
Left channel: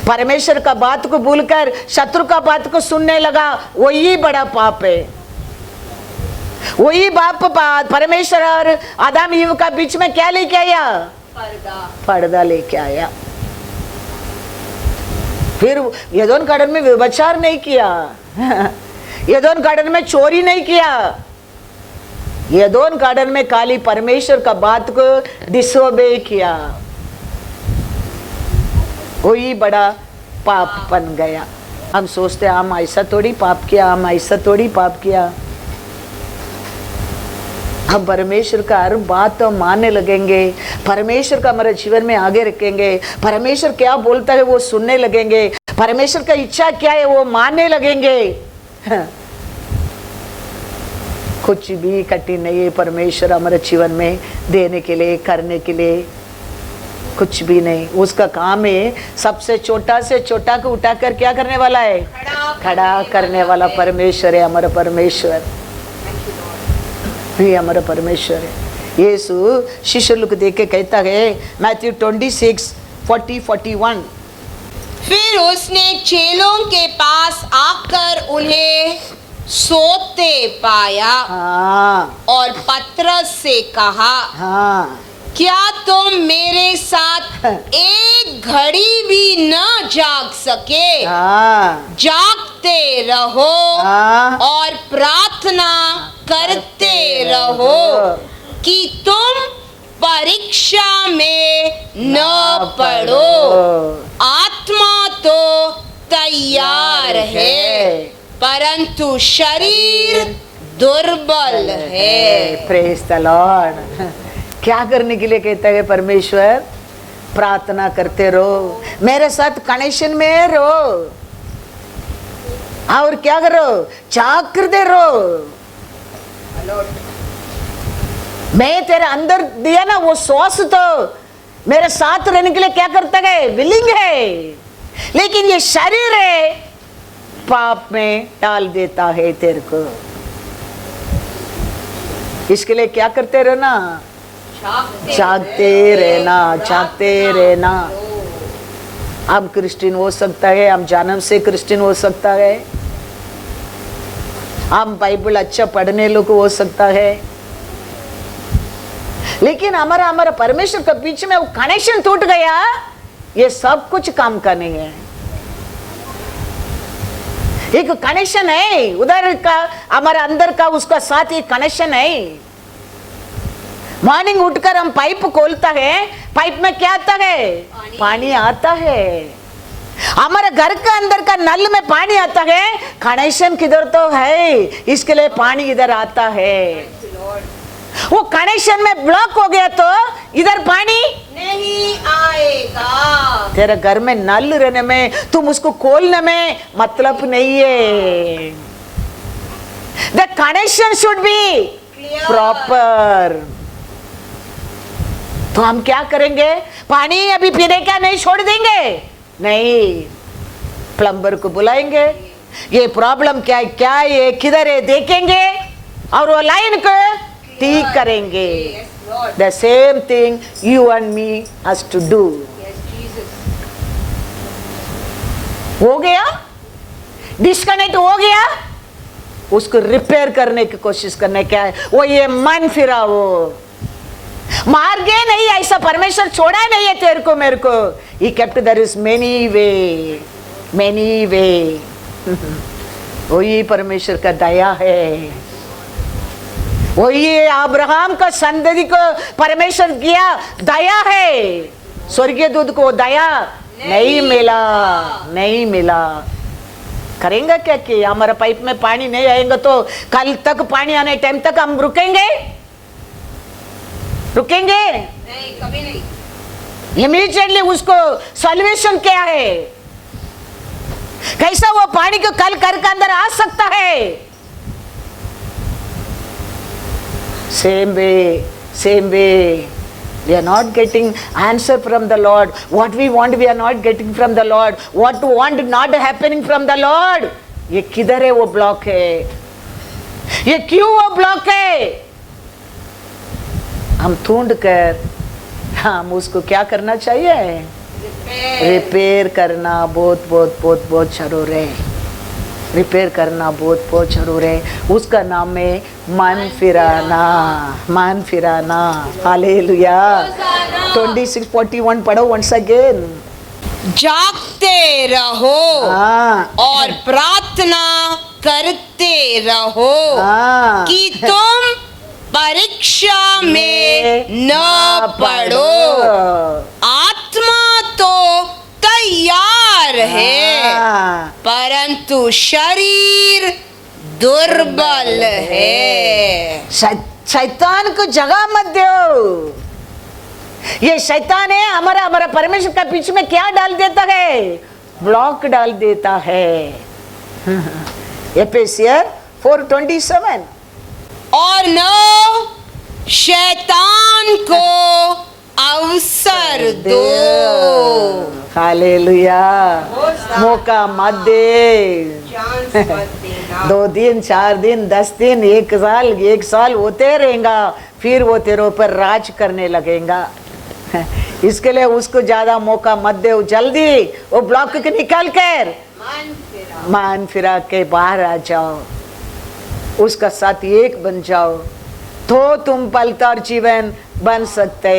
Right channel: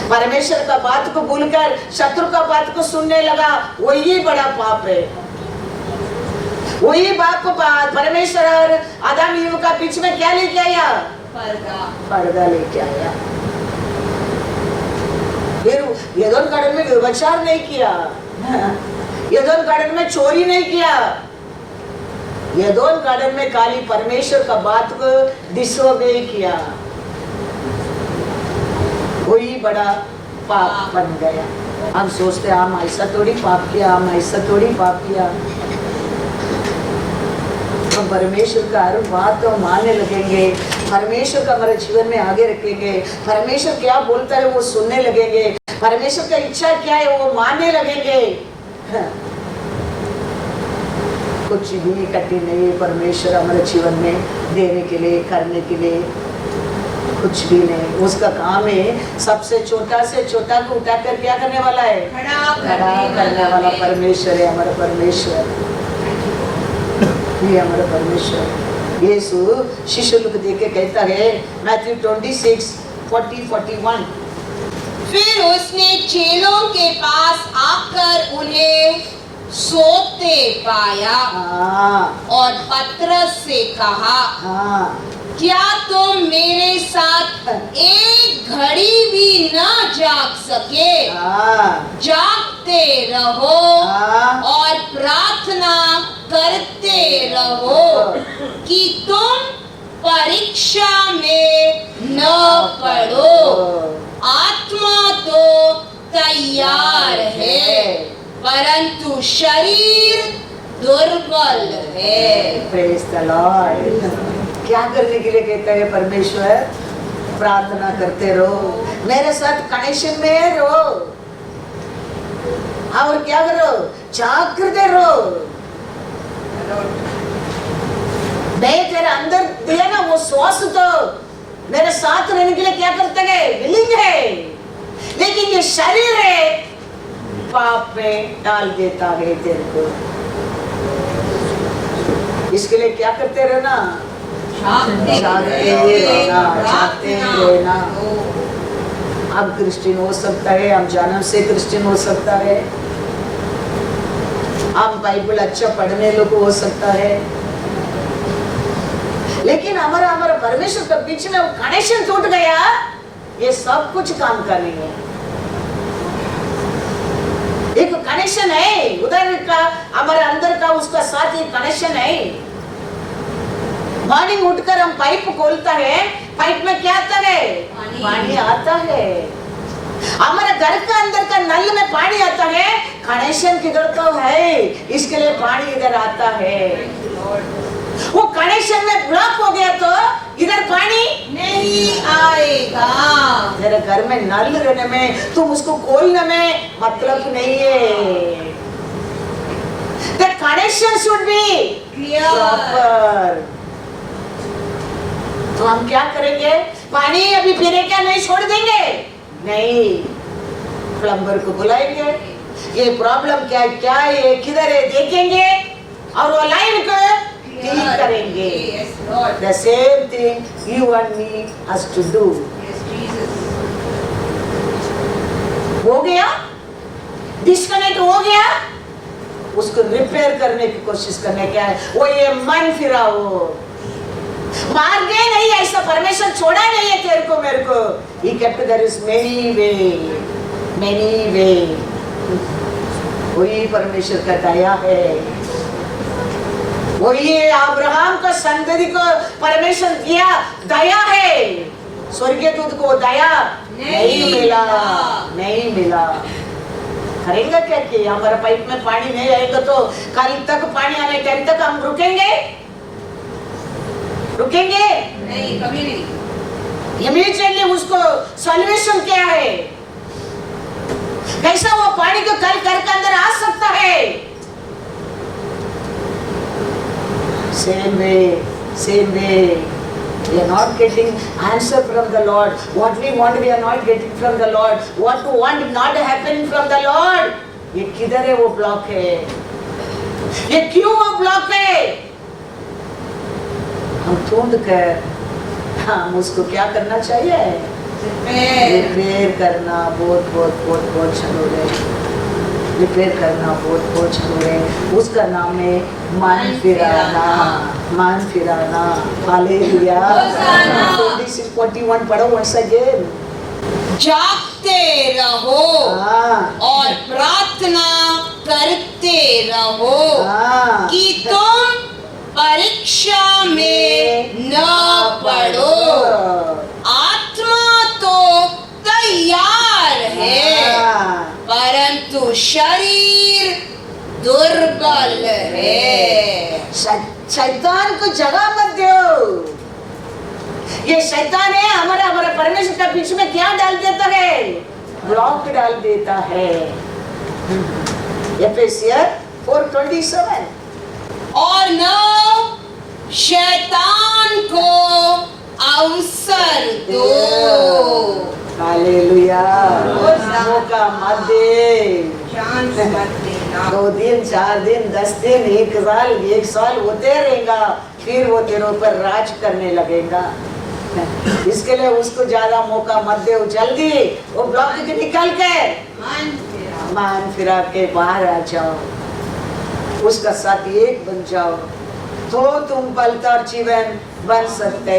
परमेश्वर का बात को भूलकर शत्रु का बात को सुनने लगा, वही बड़ा पाप है। वही बाप परमेश्वर और आदम ईव का बीच में क्या लेके आया? पर्दा लेके आया। फिर एदोन गार्डन में व्यभिचार नहीं किया, एदोन गार्डन में चोरी नहीं किया, एदोन गार्डन में खाली परमेश्वर का बात को डिसोबे किया, वही बड़ा पाप बन गया। हम सोचते हम ऐसा थोड़ी पाप किया, हम ऐसा थोड़ी पाप किया। हम परमेश्वर का हर बात तो मानने लगेंगे, परमेश्वर का हमारे जीवन में आगे रखेंगे, परमेश्वर क्या बोलता है वो सुनने लगेंगे, परमेश्वर का इच्छा क्या है वो मानने लगेंगे। कुछ भी कठिन नहीं है परमेश्वर हमारे जीवन में देने के लिए, करने के लिए, कुछ भी नहीं। उसका काम है सबसे छोटा से छोटा को उठाकर क्या करने वाला है, खड़ा करने वाला परमेश्वर है हमारा परमेश्वर। ये हमारा परमेश्वर है। यीशु शिष्यों को देख के कहता है मैथ्यू 26:40-41, फिर उसने चेलों के पास आकर उन्हें सोते पाया और पतरस से कहा, क्या तुम मेरे साथ एक घड़ी भी न जाग सके? जागते रहो और प्रार्थना करते रहो कि तुम परीक्षा में न पड़ो। आत्मा तो तैयार है परंतु शरीर दुर्बल है। Praise the Lord. क्या करने के लिए कहता है परमेश्वर? प्रार्थना करते रहो, मेरे साथ कनेक्शन में रहो और क्या करो, जागते रहो। मैं तेरे अंदर दिया ना वो श्वास, तो मेरे साथ रहने के लिए क्या करता है, विलिंग है, लेकिन ये शरीर है पाप में डाल देता है तेरे को। इसके लिए क्या करते रहना, जागते रहना, जागते रहना। आप क्रिश्चियन हो सकता है, आप जन्म से क्रिश्चियन हो सकता है, आप बाइबल अच्छा पढ़ने लोग हो सकता है, लेकिन हमारा परमेश्वर के बीच में कनेक्शन टूट गया, ये सब कुछ काम का नहीं है। एक कनेक्शन है उधर का, हमारे अंदर का, उसका साथ एक कनेक्शन है। मॉर्निंग उठकर हम पाइप खोलता है, पाइप में क्या आता है, पानी आता है। हमारे घर का अंदर का नल में पानी आता है, कनेक्शन किधर तो है, इसके लिए पानी इधर आता है। वो कनेक्शन में ब्लॉक हो गया तो इधर पानी नहीं आएगा। तेरे घर में नल रहने में, तुम उसको खोलने में मतलब नहीं है। The connection should be proper। तो हम क्या करेंगे, पानी अभी पीने क्या नहीं छोड़ देंगे, नहीं, प्लम्बर को बुलाएंगे, ये प्रॉब्लम क्या है, क्या है, किधर है, देखेंगे और वो लाइन को ठीक करेंगे। The same thing you and me has to do। हो गया, डिस्कनेक्ट हो गया, उसको रिपेयर करने की कोशिश करने, क्या है वो, ये मन फिरा, वो मार गए नहीं, ऐसा परमेश्वर छोड़ा नहीं है तेरे को मेरे को। He kept there is many way। वही परमेश्वर का दया है, वही अब्राहम का संतति को परमेश्वर किया दया है। स्वर्गीय दूत को दया नहीं मिला। करेंगे क्या कि हमारा पाइप में पानी नहीं आएगा तो कल तक पानी आने टाइम तक हम रुकेंगे नहीं, कभी नहीं। इमीडिएटली उसको सॉल्यूशन क्या है, कैसा वो पानी को कल घर के अंदर आ सकता है। Same way we are not getting answer from the Lord. What we want we are not getting from the Lord. What we want not happening from the Lord. ये किधर है वो ब्लॉक है, ये क्यों वो ब्लॉक है? हम ढूंढ कर हम उसको क्या करना चाहिए, रिपेयर करना बहुत जरूर है। रिपेयर करना बहुत जरूर है। उसका नाम है मन फिराना। हालेलुया। 26:41 पढ़ो once again। जागते रहो और प्रार्थना करते रहो कि तुम परीक्षा में न पड़ो। आत्मा तो तैयार है परंतु शरीर दुर्बल है। शैतान को जगह मत दो। ये शैतान है हमारा परमेश्वर का बीच में क्या डाल देता है, ब्लॉक डाल देता है। एफेसियर 4:27। और न शैतान को अवसर दो। हालेलुया। मौका मत दे। 2 दिन 4 दिन 10 दिन 1 साल होते रहेगा, फिर वो तेरे ऊपर राज करने लगेगा। इसके लिए उसको ज्यादा मौका मत दे। जल्दी वो ब्लॉक के निकल कर मान फिरा के बाहर आ जाओ, उसका साथ एक बन जाओ, तो तुम पलता जीवन बन सकते।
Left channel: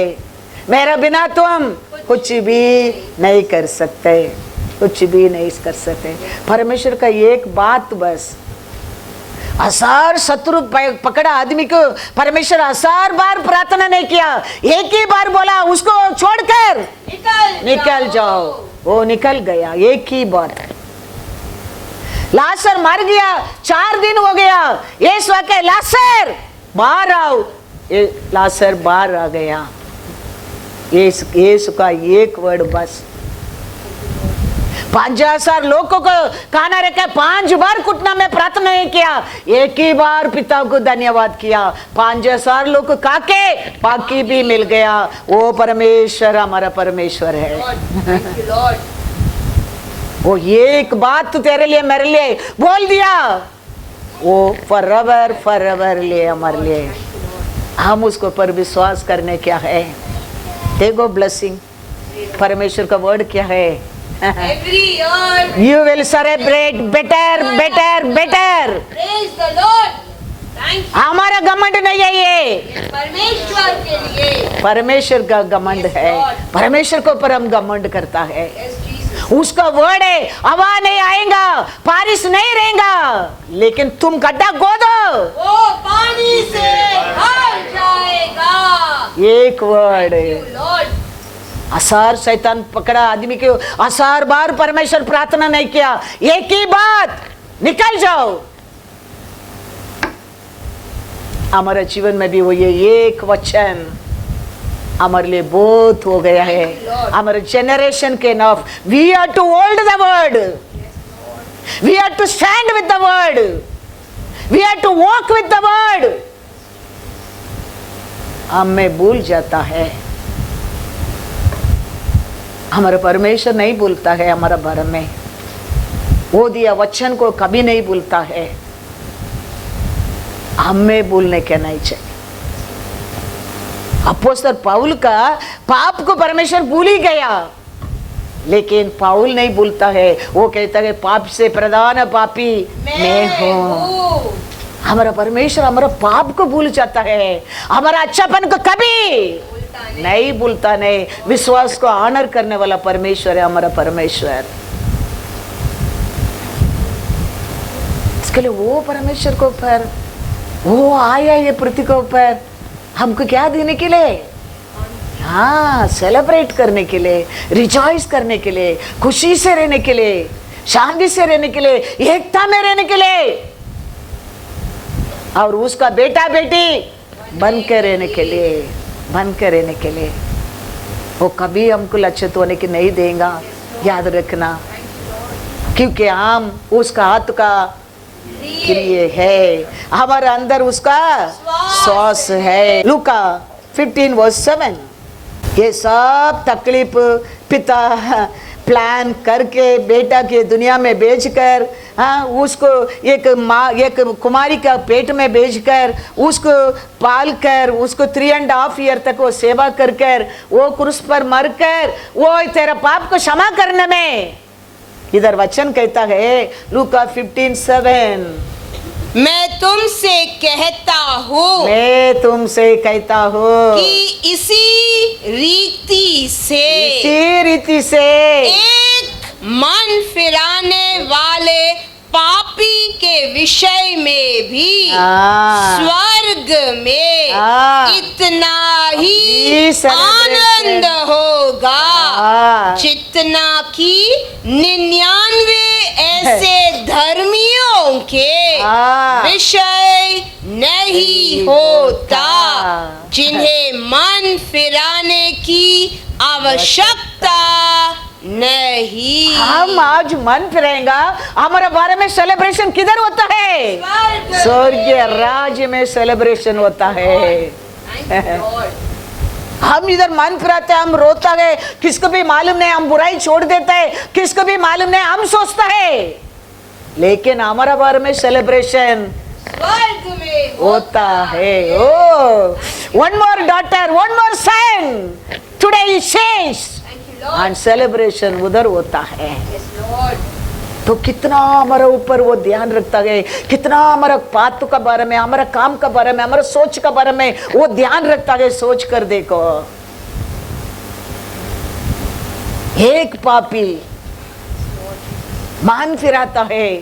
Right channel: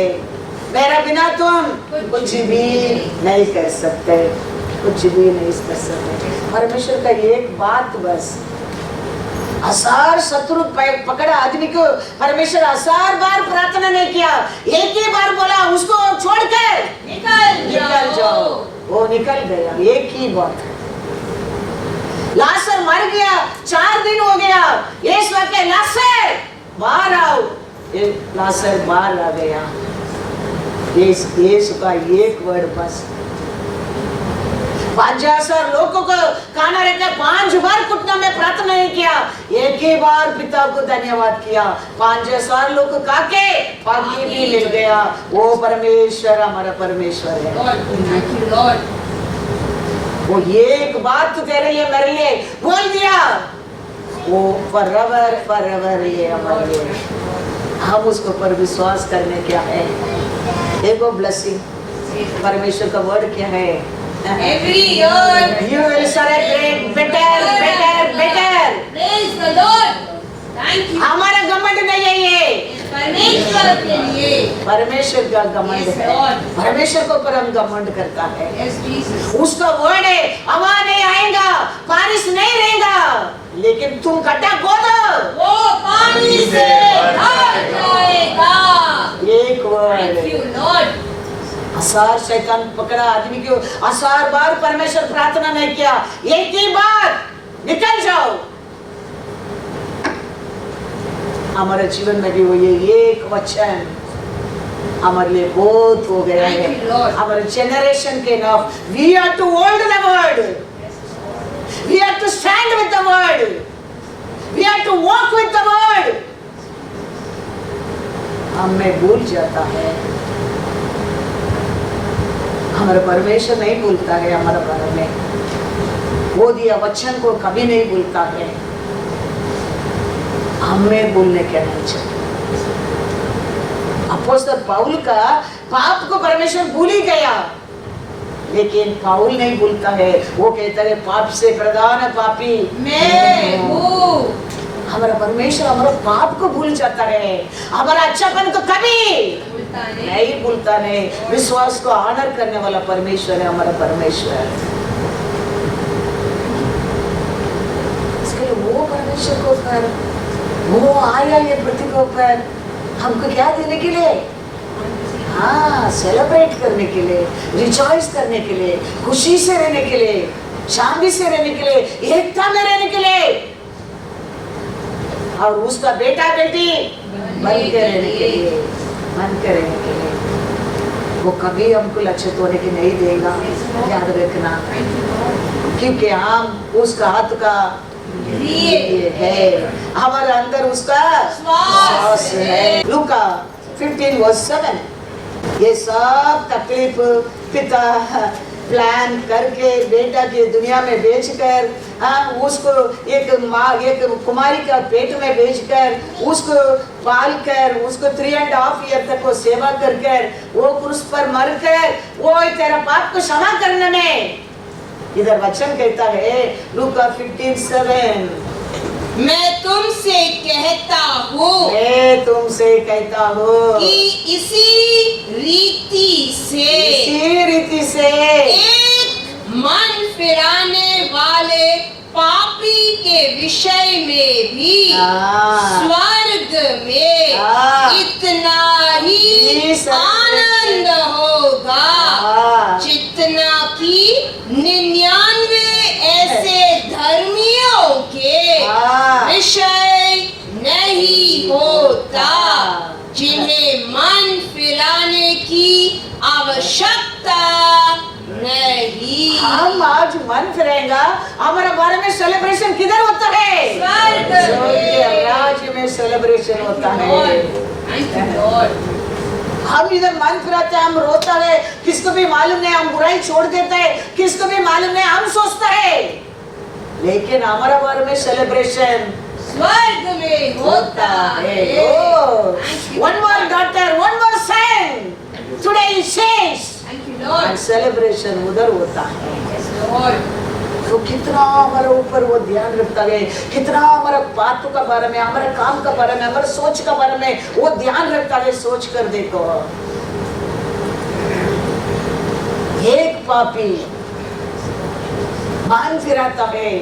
मेरा बिना तुम कुछ भी नहीं कर सकते, कुछ भी नहीं कर सकते। परमेश्वर का एक बात बस, हजार शत्रु पकड़ा आदमी को परमेश्वर 1000 बार प्रार्थना नहीं किया, एक ही बार बोला उसको छोड़कर निकल जाओ। वो निकल गया एक ही बार। लासर मर गया, 4 दिन हो गया, यीशु के लासर बाहर आओ, लासर बाहर आ गया। यीशु का एक वर्ड बस, 5000 लोगों को खाना रखा, 5 बार घुटना में प्रार्थना नहीं किया, एक ही बार पिता को धन्यवाद किया, 5000 लोग को काके बाकी भी मिल गया। वो परमेश्वर हमारा परमेश्वर है। वो एक बात तो तेरे लिए मेरे लिए बोल दिया, वो फॉरएवर लिए हमारे लिए। हम उसको पर विश्वास करने क्या है। देखो ब्लेसिंग, परमेश्वर का वर्ड क्या है। Every year You will celebrate better. praise the Lord. Thank you. हमारा घमंड नहीं है ये, परमेश्वर के लिए। परमेश्वर का घमंड Yes, है। Lord. परमेश्वर को पर हम घमंड करता है। Yes, Jesus. उसका वर्ड है, हवा नहीं आएगा, बारिश नहीं रहेगा, लेकिन तुम गड्ढा खोदो, वो पानी से भर जाएगा। एक वर्ड। Thank you, Lord. 1000 शैतान पकड़ा आदमी के, 1000 बार परमेश्वर प्रार्थना नहीं किया, एक ही बात निकल जाओ। हमारे जीवन में भी वो ये एक वचन हमारे लिए बहुत हो गया है। हमारे जनरेशन के नाम, we are to hold the word, we are to stand with the word, we are to walk with the word. हमें भूल जाता है, हमारा परमेश्वर नहीं भूलता है। हमारा भर में वो दिया वचन को कभी नहीं भूलता है। हमें भूलने के नहीं चाहिए। अपोस्तल पाउल का पाप को परमेश्वर भूल ही गया, लेकिन पाउल नहीं भूलता है। वो कहता है पाप से प्रधान पापी मैं हूँ। हमारा परमेश्वर हमारा पाप को भूल जाता है, हमारा अच्छापन को कभी नहीं भूलता। नहीं, विश्वास को ऑनर करने वाला परमेश्वर है हमारा परमेश्वर। इसके लिए वो परमेश्वर को ऊपर वो आया ये पृथ्वी के ऊपर हमको क्या देने के लिए, हाँ सेलिब्रेट करने के लिए, रिजॉइस करने के लिए, खुशी से रहने के लिए, शांति से रहने के लिए, एकता में रहने के लिए, और उसका बेटा बेटी बन के रहने के लिए, बन के रहने के लिए। वो कभी हमको लक्षित होने की नहीं देगा, याद रखना, क्योंकि हम उसका हाथ का लिए है, हमारे अंदर उसका श्वास है। लूका 15:7। ये सब तकलीफ पिता प्लान करके बेटा के दुनिया में भेजकर, हाँ उसको एक माँ एक कुमारी का पेट में भेजकर उसको पाल कर उसको 3.5 ईयर तक वो सेवा कर कर वो क्रूस पर मर कर वो तेरा पाप को क्षमा करने में, इधर वचन कहता है लूका 15:7, मैं तुमसे कहता हूँ, मैं तुमसे कहता हूँ कि इसी रीति से एक मन फिराने वाले पापी के विषय में भी स्वर्ग में इतना ही आनंद होगा जितना कि 99 ऐसे धर्मियों के विषय नहीं होता, जिन्हें मन फिराने की आवश्यकता नहीं। हम आज मन फिरेगा, हमारे बारे में सेलिब्रेशन किधर होता है? स्वर्ग के राज्य में सेलिब्रेशन होता है। हम इधर मन फिराते हैं, हम रोता है, किसको भी मालूम नहीं, हम बुराई छोड़ देते हैं, किसको भी मालूम नहीं, हम सोचता है, लेकिन हमारा बारे में सेलिब्रेशन स्वर्ग में होता है। ओ, one more daughter, one more son, today is changed, and celebration उधर होता है। तो कितना हमारे ऊपर वो ध्यान रखता है, कितना हमारा बातों का बारे में, हमारे काम का बारे में, हमारे सोच का बारे में वो ध्यान रखता है। सोच कर देखो, एक पापी मान फिराता है,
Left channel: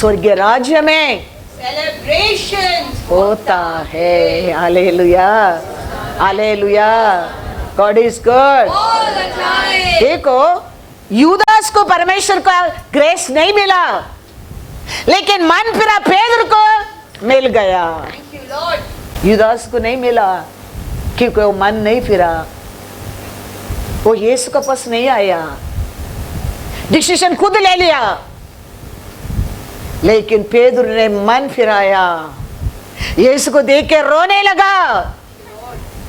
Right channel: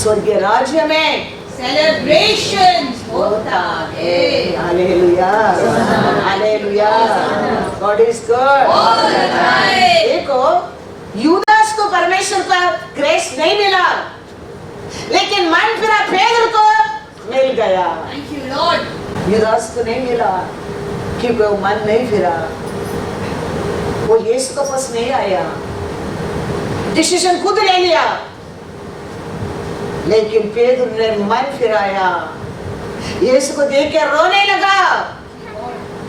स्वर्गीय राज्य में सेलिब्रेशन होता है। Hallelujah, hallelujah, God is good. देखो, यूदास को परमेश्वर का ग्रेस नहीं मिला, लेकिन मन फिरा पेदर को मिल गया। यूदास को नहीं मिला क्योंकि वो मन नहीं फिरा, वो यीशु के पास नहीं आया, डिसीजन खुद ले लिया, लेकिन पेदर ने मन फिराया, यीशु को देख के रोने लगा,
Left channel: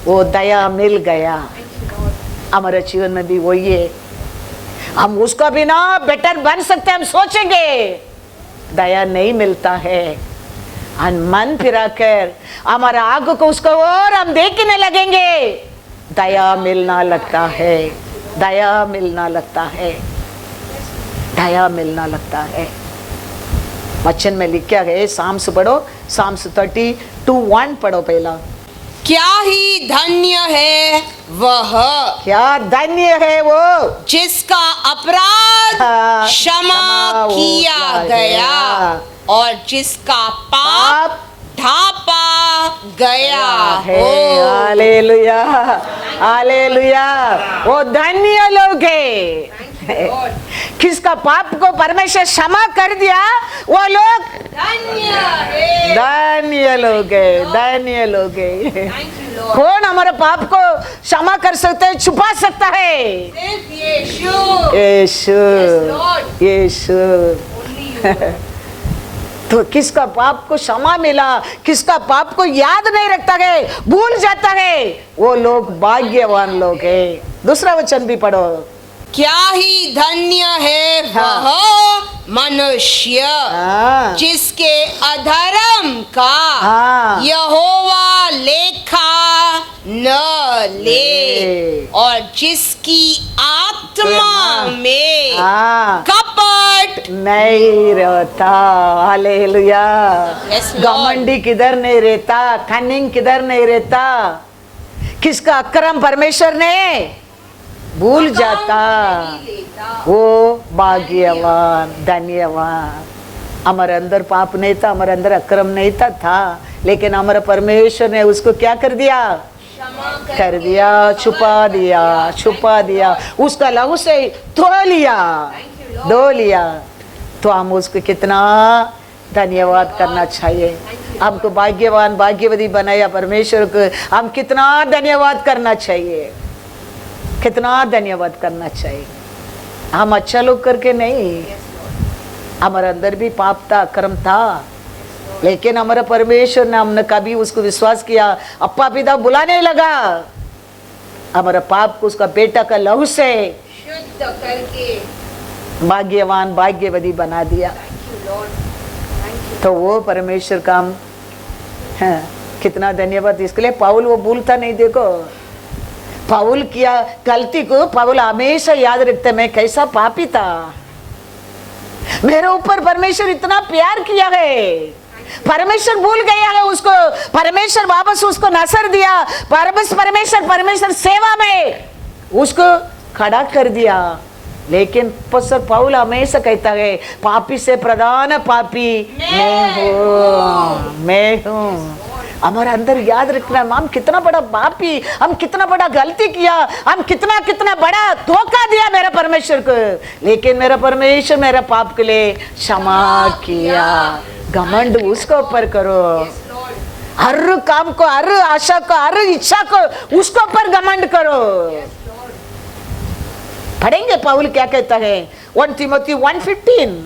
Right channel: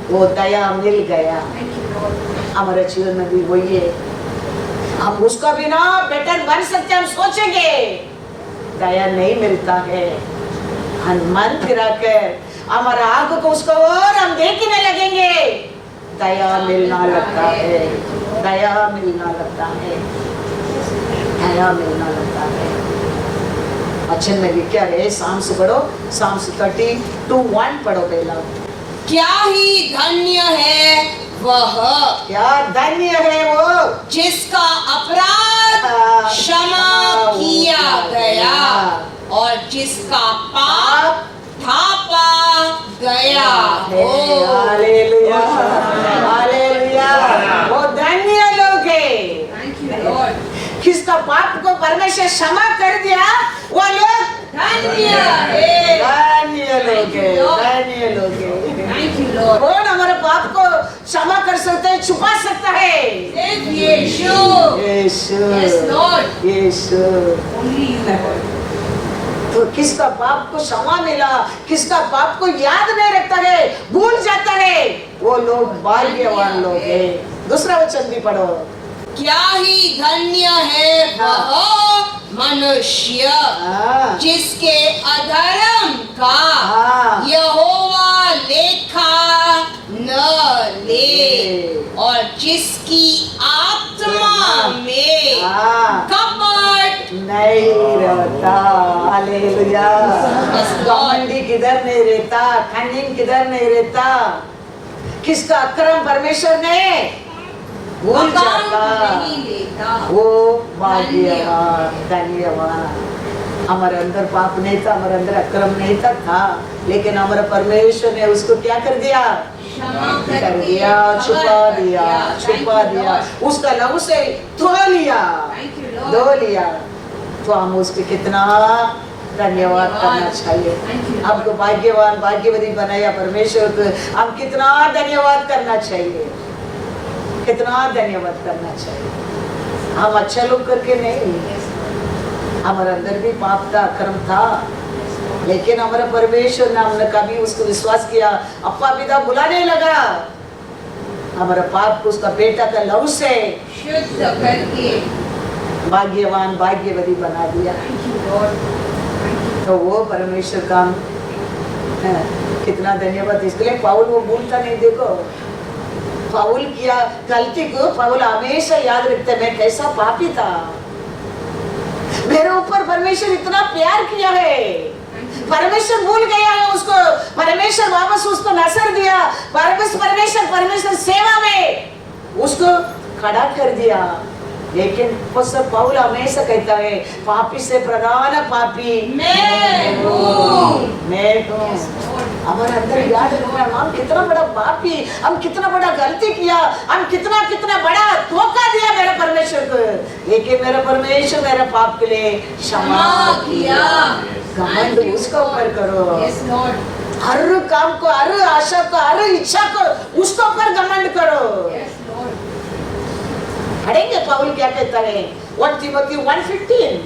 वो दया मिल गया। हमारे जीवन में भी वही है, हम उसका बिना बेटर बन सकते हैं, हम सोचेंगे, दया नहीं मिलता है। मन फिरा कर हमारा आग को उसको और हम देखने लगेंगे, दया मिलना लगता है, दया मिलना लगता है, दया मिलना लगता है। वचन में लिखा है, साम्स पढ़ो, साम्स 32:1 पढ़ो पहला। क्या ही धन्य है वह, क्या धन्य है वो जिसका अपराध क्षमा किया गया और जिसका पाप ढांपा गया हो। हालेलुया, हालेलुया, वो धन्य लोग है। किसका पाप को परमेश्वर क्षमा कर दिया, वो लोग धन्य है, धन्य लोग है, धन्य लोग है। कौन हमारे पाप को क्षमा कर सकते है, छुपा सकता है? यीशु, यीशु, यीशु। तो किसका पाप को क्षमा मिला, किसका पाप को याद नहीं रखता है, भूल जाता है, वो लोग भाग्यवान लोग है। दूसरा वचन भी पढ़ो। क्या ही धन्य है वह मनुष्य जिसके अधर्म का यहोवा लेखा न ले और जिसकी आत्मा में कपट नहीं रहता। हालेलुया, घमंडी किधर नहीं रहता, कनिंग किधर नहीं रहता, किसका अक्रम परमेश्वर ने भूल जाता, वो भाग्यवान, धन्यवान। हमारे अंदर पाप नहीं था, हमारे अंदर अक्रम नहीं था, लेकिन हमारे परमेश्वर ने उसको क्या कर दिया, कर दिया, छुपा दिया, छुपा दिया, उसका लहू से धो लिया, धो लिया। तो हम उसको कितना धन्यवाद करना चाहिए। हमको भाग्यवान, भाग्यवती बनाया परमेश्वर को, हम कितना धन्यवाद करना चाहिए, कितना धन्यवाद करना चाहिए। हम अच्छा लोग करके नहीं, हमारे अंदर भी पाप था, अक्रम था, लेकिन हमारे परमेश्वर ने, हमने कभी उसको विश्वास किया, अप्पा पिता बुलाने लगा, हमारे पाप को उसका बेटा का लहू से शुद्ध करके भाग्यवान, भाग्यवती बना दिया। तो वो परमेश्वर का है, कितना धन्यवाद इसके लिए। पाउल वो भूलता नहीं, देखो पाउल किया गलती को पाउल हमेशा याद रखते, मैं कैसा पापी था, मेरे ऊपर परमेश्वर इतना प्यार किया है, परमेश्वर भूल गया है उसको, परमेश्वर वापस उसको नसर दिया, परमेश्वर सेवा में उसको खड़ा कर दिया। लेकिन पसर पाउल हमेशा कहता है, पापी से प्रधान पापी मैं हूँ। हमारे अंदर याद रखना, हम कितना बड़ा पापी, हम कितना बड़ा गलती किया, हम कितना कितना बड़ा धोखा दिया मेरे परमेश्वर को, लेकिन मेरा परमेश्वर मेरा पाप के लिए क्षमा किया। घमंड उसके ऊपर करो, हर काम को, हर आशा को, हर इच्छा को उसके ऊपर घमंड करो। पढ़ेंगे पाउल क्या कहता है, 1 Timothy 1:15.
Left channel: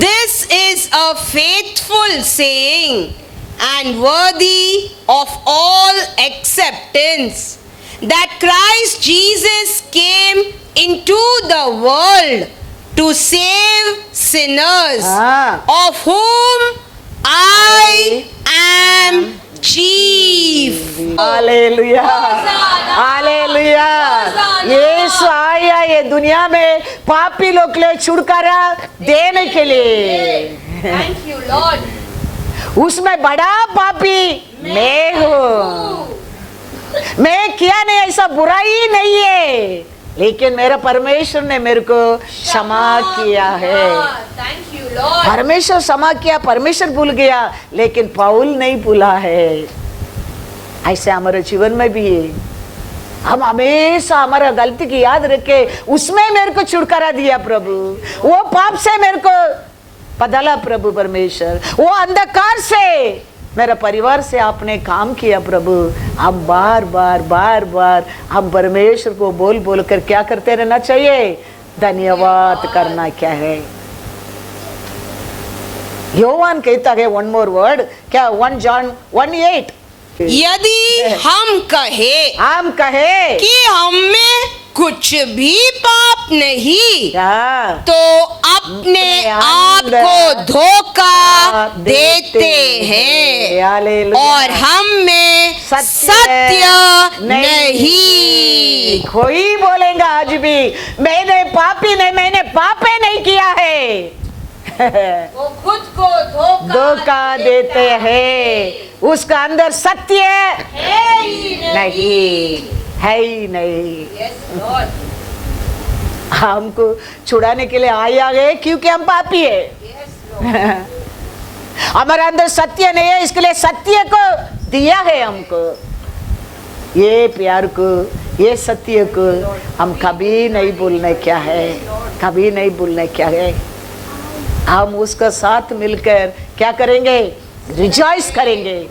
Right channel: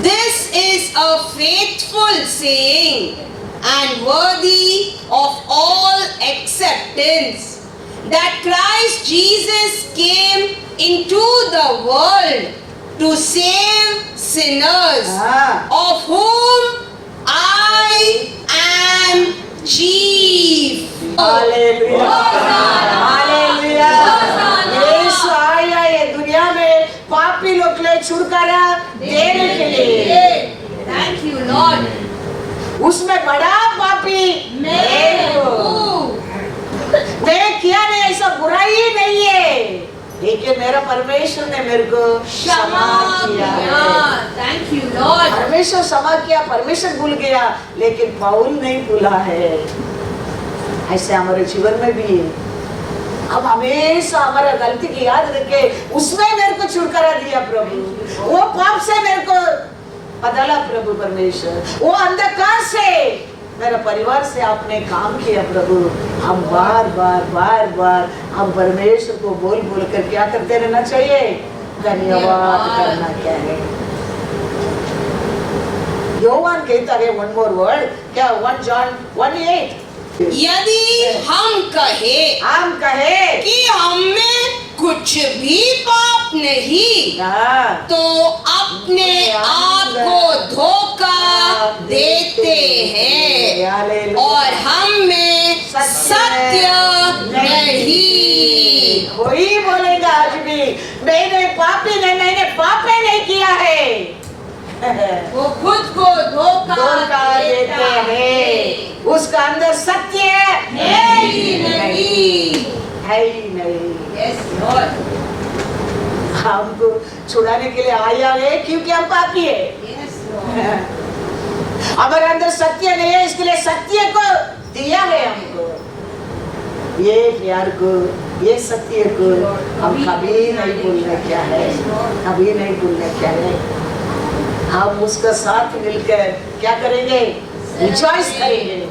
This is a faithful saying and worthy of all acceptance, that Christ Jesus came into the world to save sinners, of whom I am chief. Hallelujah, hallelujah. यीशु आया ये दुनिया में पापी लोग के लिए छुटकारा देने के लिए। Thank you, Lord. उसमें बड़ा पापी मैं हूँ। मैं किया नहीं, ऐसा बुराई नहीं है, लेकिन मेरा परमेश्वर ने मेरे को क्षमा किया है। Thank you, Lord. परमेश्वर क्षमा किया, परमेश्वर भूल गया, लेकिन पाउल नहीं भूला है। ऐसे हमारे जीवन में भी हम हमेशा हमारा गलती की याद रखे, उसमें मेरे को छुटकारा दिया प्रभु, वो पाप से मेरे को बदला प्रभु परमेश्वर, वो अंधकार से मेरा परिवार से आपने काम किया प्रभु। अब बार बार बार बार हम परमेश्वर को बोल बोल कर क्या करते रहना चाहिए, धन्यवाद करना क्या है। योहान कहता है वन मोर वर्ड, क्या 1 John 1:8, यदि हम कहे कि हम में कुछ भी पाप नहीं, तो अपने आप को धोखा देते हैं और हम में सत्य नहीं। कोई बोलेगा आज भी मैंने पापे नहीं किया है, वो खुद को धोखा देते हैं, उसका अंदर सत्य है ही नहीं। Yes, Lord. हमको छुड़ाने के लिए आया है क्योंकि हम पापी है। Yes, Lord. हमारे अंदर सत्य नहीं है, इसके लिए सत्य को दिया है हमको। ये प्यार को, ये सत्य को हम कभी नहीं भूलने क्या है, कभी नहीं भूलने क्या है। हम उसका साथ मिलकर क्या करेंगे, रिजॉइस करेंगे,